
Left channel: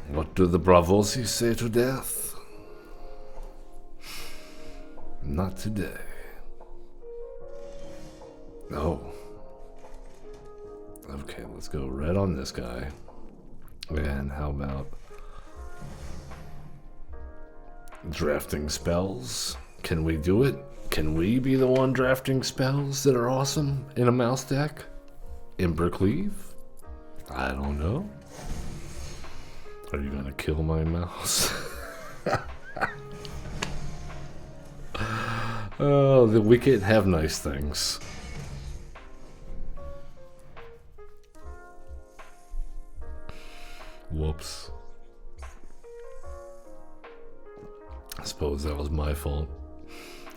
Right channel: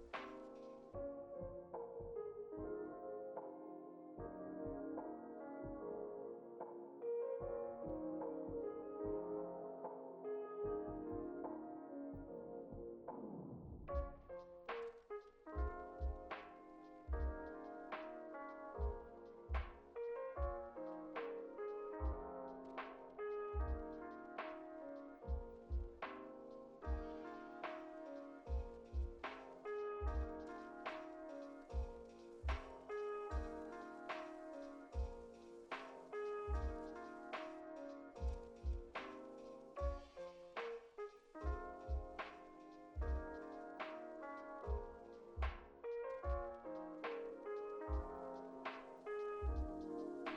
What do the Bravosi say to death? Not today. Oh. Okay, let's go red on this guy. And how about drafting spells? Can we do it? Can we be the one drafting spells that are awesome in a mouse deck? Embercleave? I don't know. Are you gonna kill my mouse? Oh, the wicked have nice things. Whoops. I suppose that was my fault.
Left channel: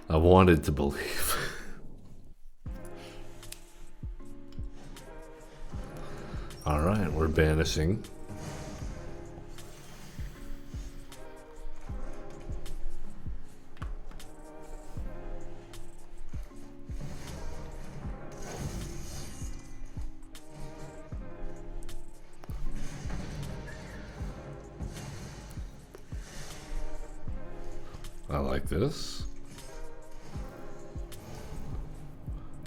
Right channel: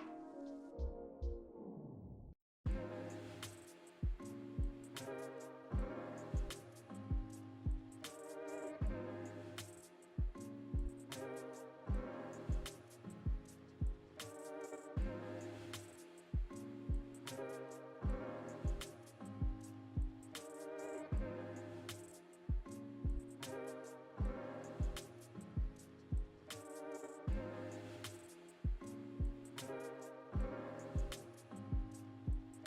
I wanted to believe. Alright, we're banishing. I like this.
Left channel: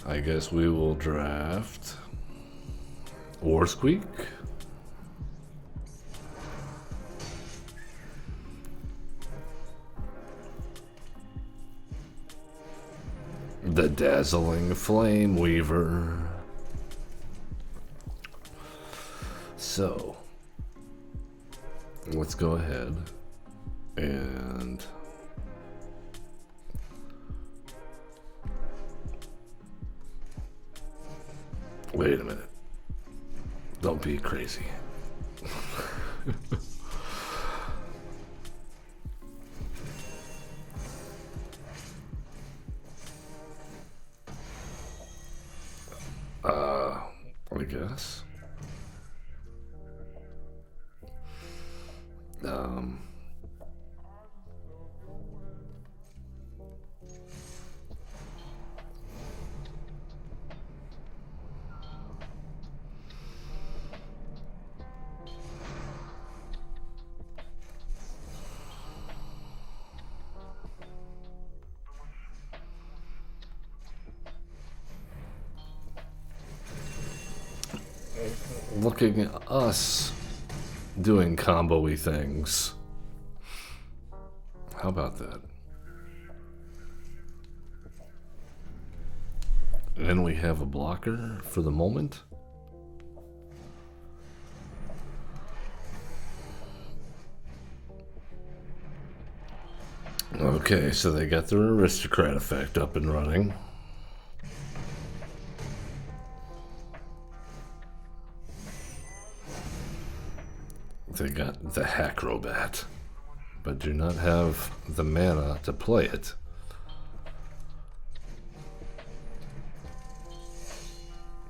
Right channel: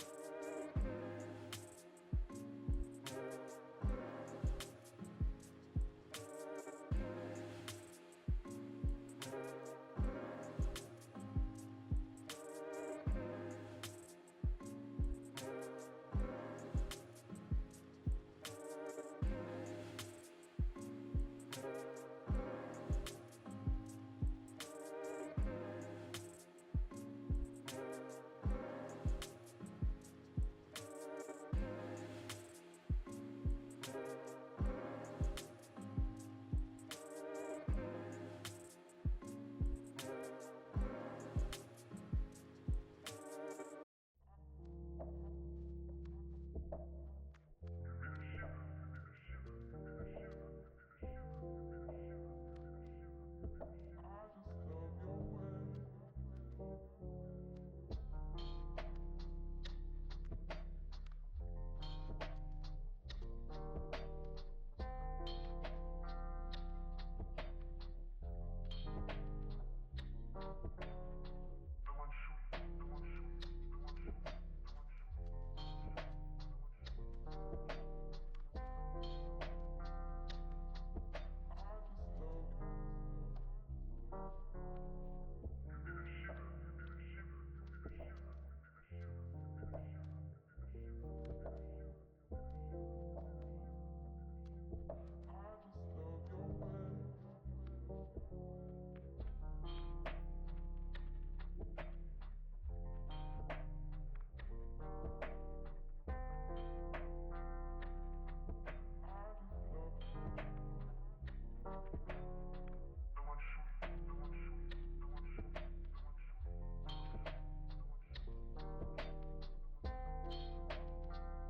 I guess we will draft War Squeak. The Dazzling Flame Weaver. So, let's go ahead and wait a minute. Don't be crazy. I guess. Looking at us doing combo-y things. How about that? And then we have a blocker for the moment. Okay, so they got their aristocrat effect up and running. They got the Hackrobat, but do not have the mana to play it.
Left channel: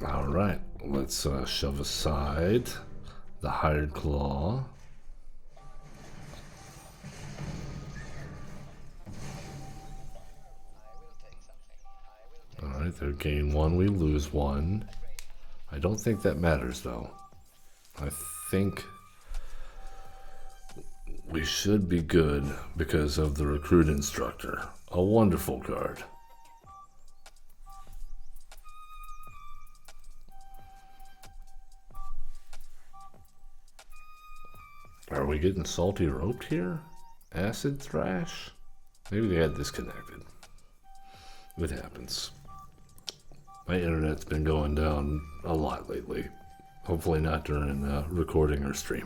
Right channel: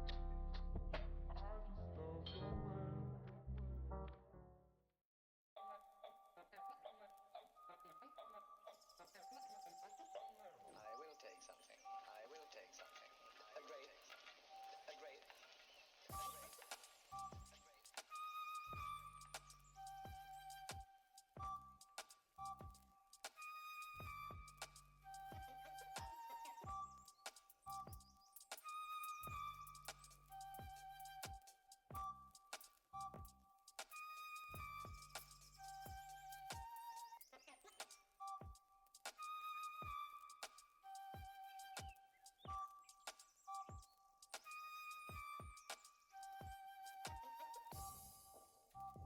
Alright, let's shove aside the Hired Claw. Alright, they gain one, we lose one. I don't think that matters though. I think we should be good because of the Recruit Instructor. A wonderful card. Are we getting salty roped here? Acid Thrash? Maybe they got disconnected. It happens. My internet's been going down a lot lately. Hopefully not during recording or streaming.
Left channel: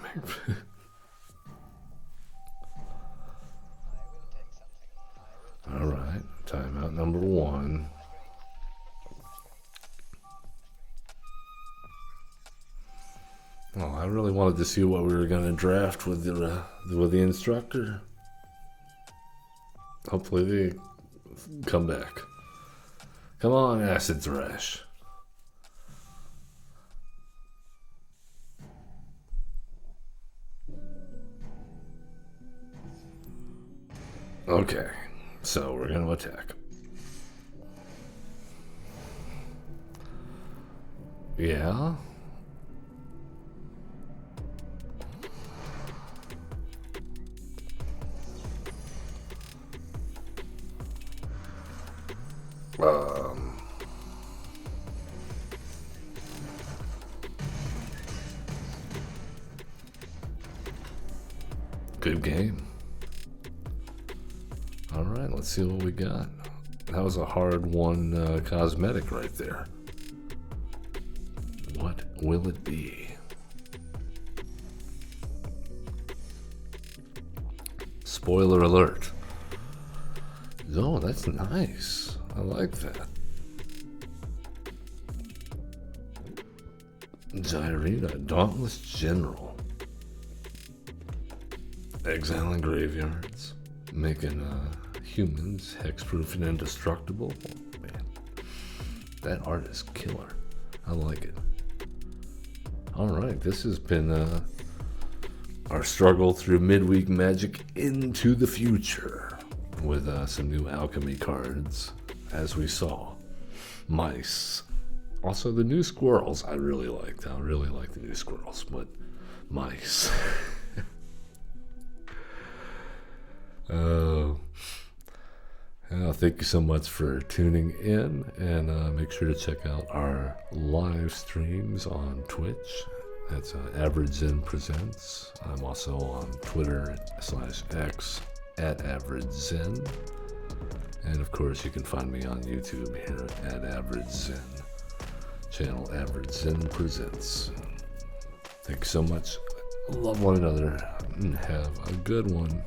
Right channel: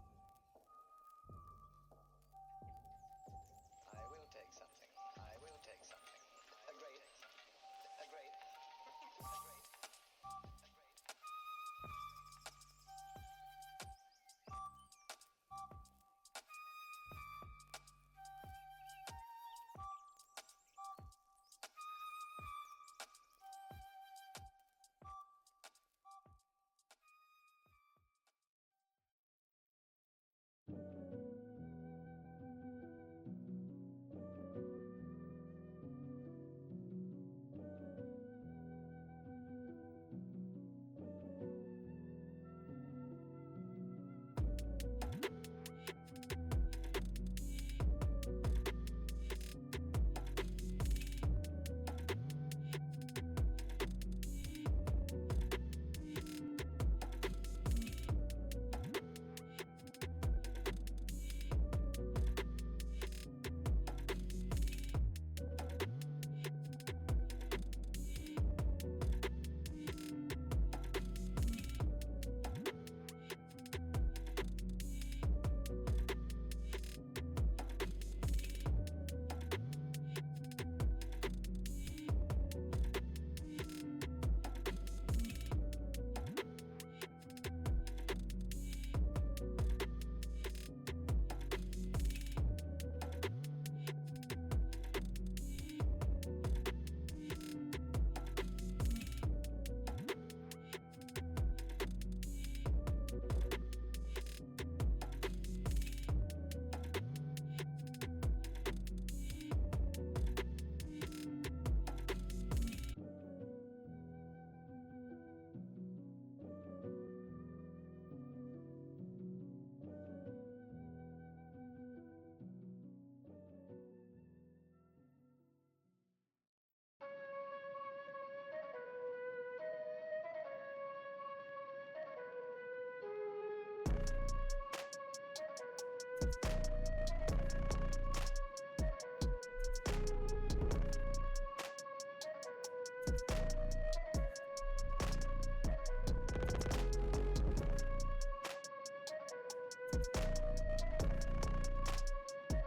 All right, timeout number 1. Well, I really wanted to see what we were going to draft with the instructor. Hopefully they come back. Come on, Acid Thresh. Okay, so we're going to attack. Yeah. Good game. All right, let's see what we got. That was a hard one, cosmetic right there. What will it be? Spoiler alert. Oh, that's nice. I like that. Gyrita, Dauntless General. Exiling graveyards. Making humans hexproof and indestructible. Oh, man. That art is killer. I like it. Alright, this has been our struggle through midweek Magic into the future. With some new alchemy cards, as we saw. Mice. Also, the new squirrels I really liked. I really like the new squirrels, but mice. Thank you so much for tuning in, and make sure to check out our live streams on Twitch. That's Average Zen Presents. I'm also on Twitter /X @AverageZen. And of course, you can find me on YouTube here at Average Zen. Channel Average Zen Presents. Thank you so much. Love one another and have a good one.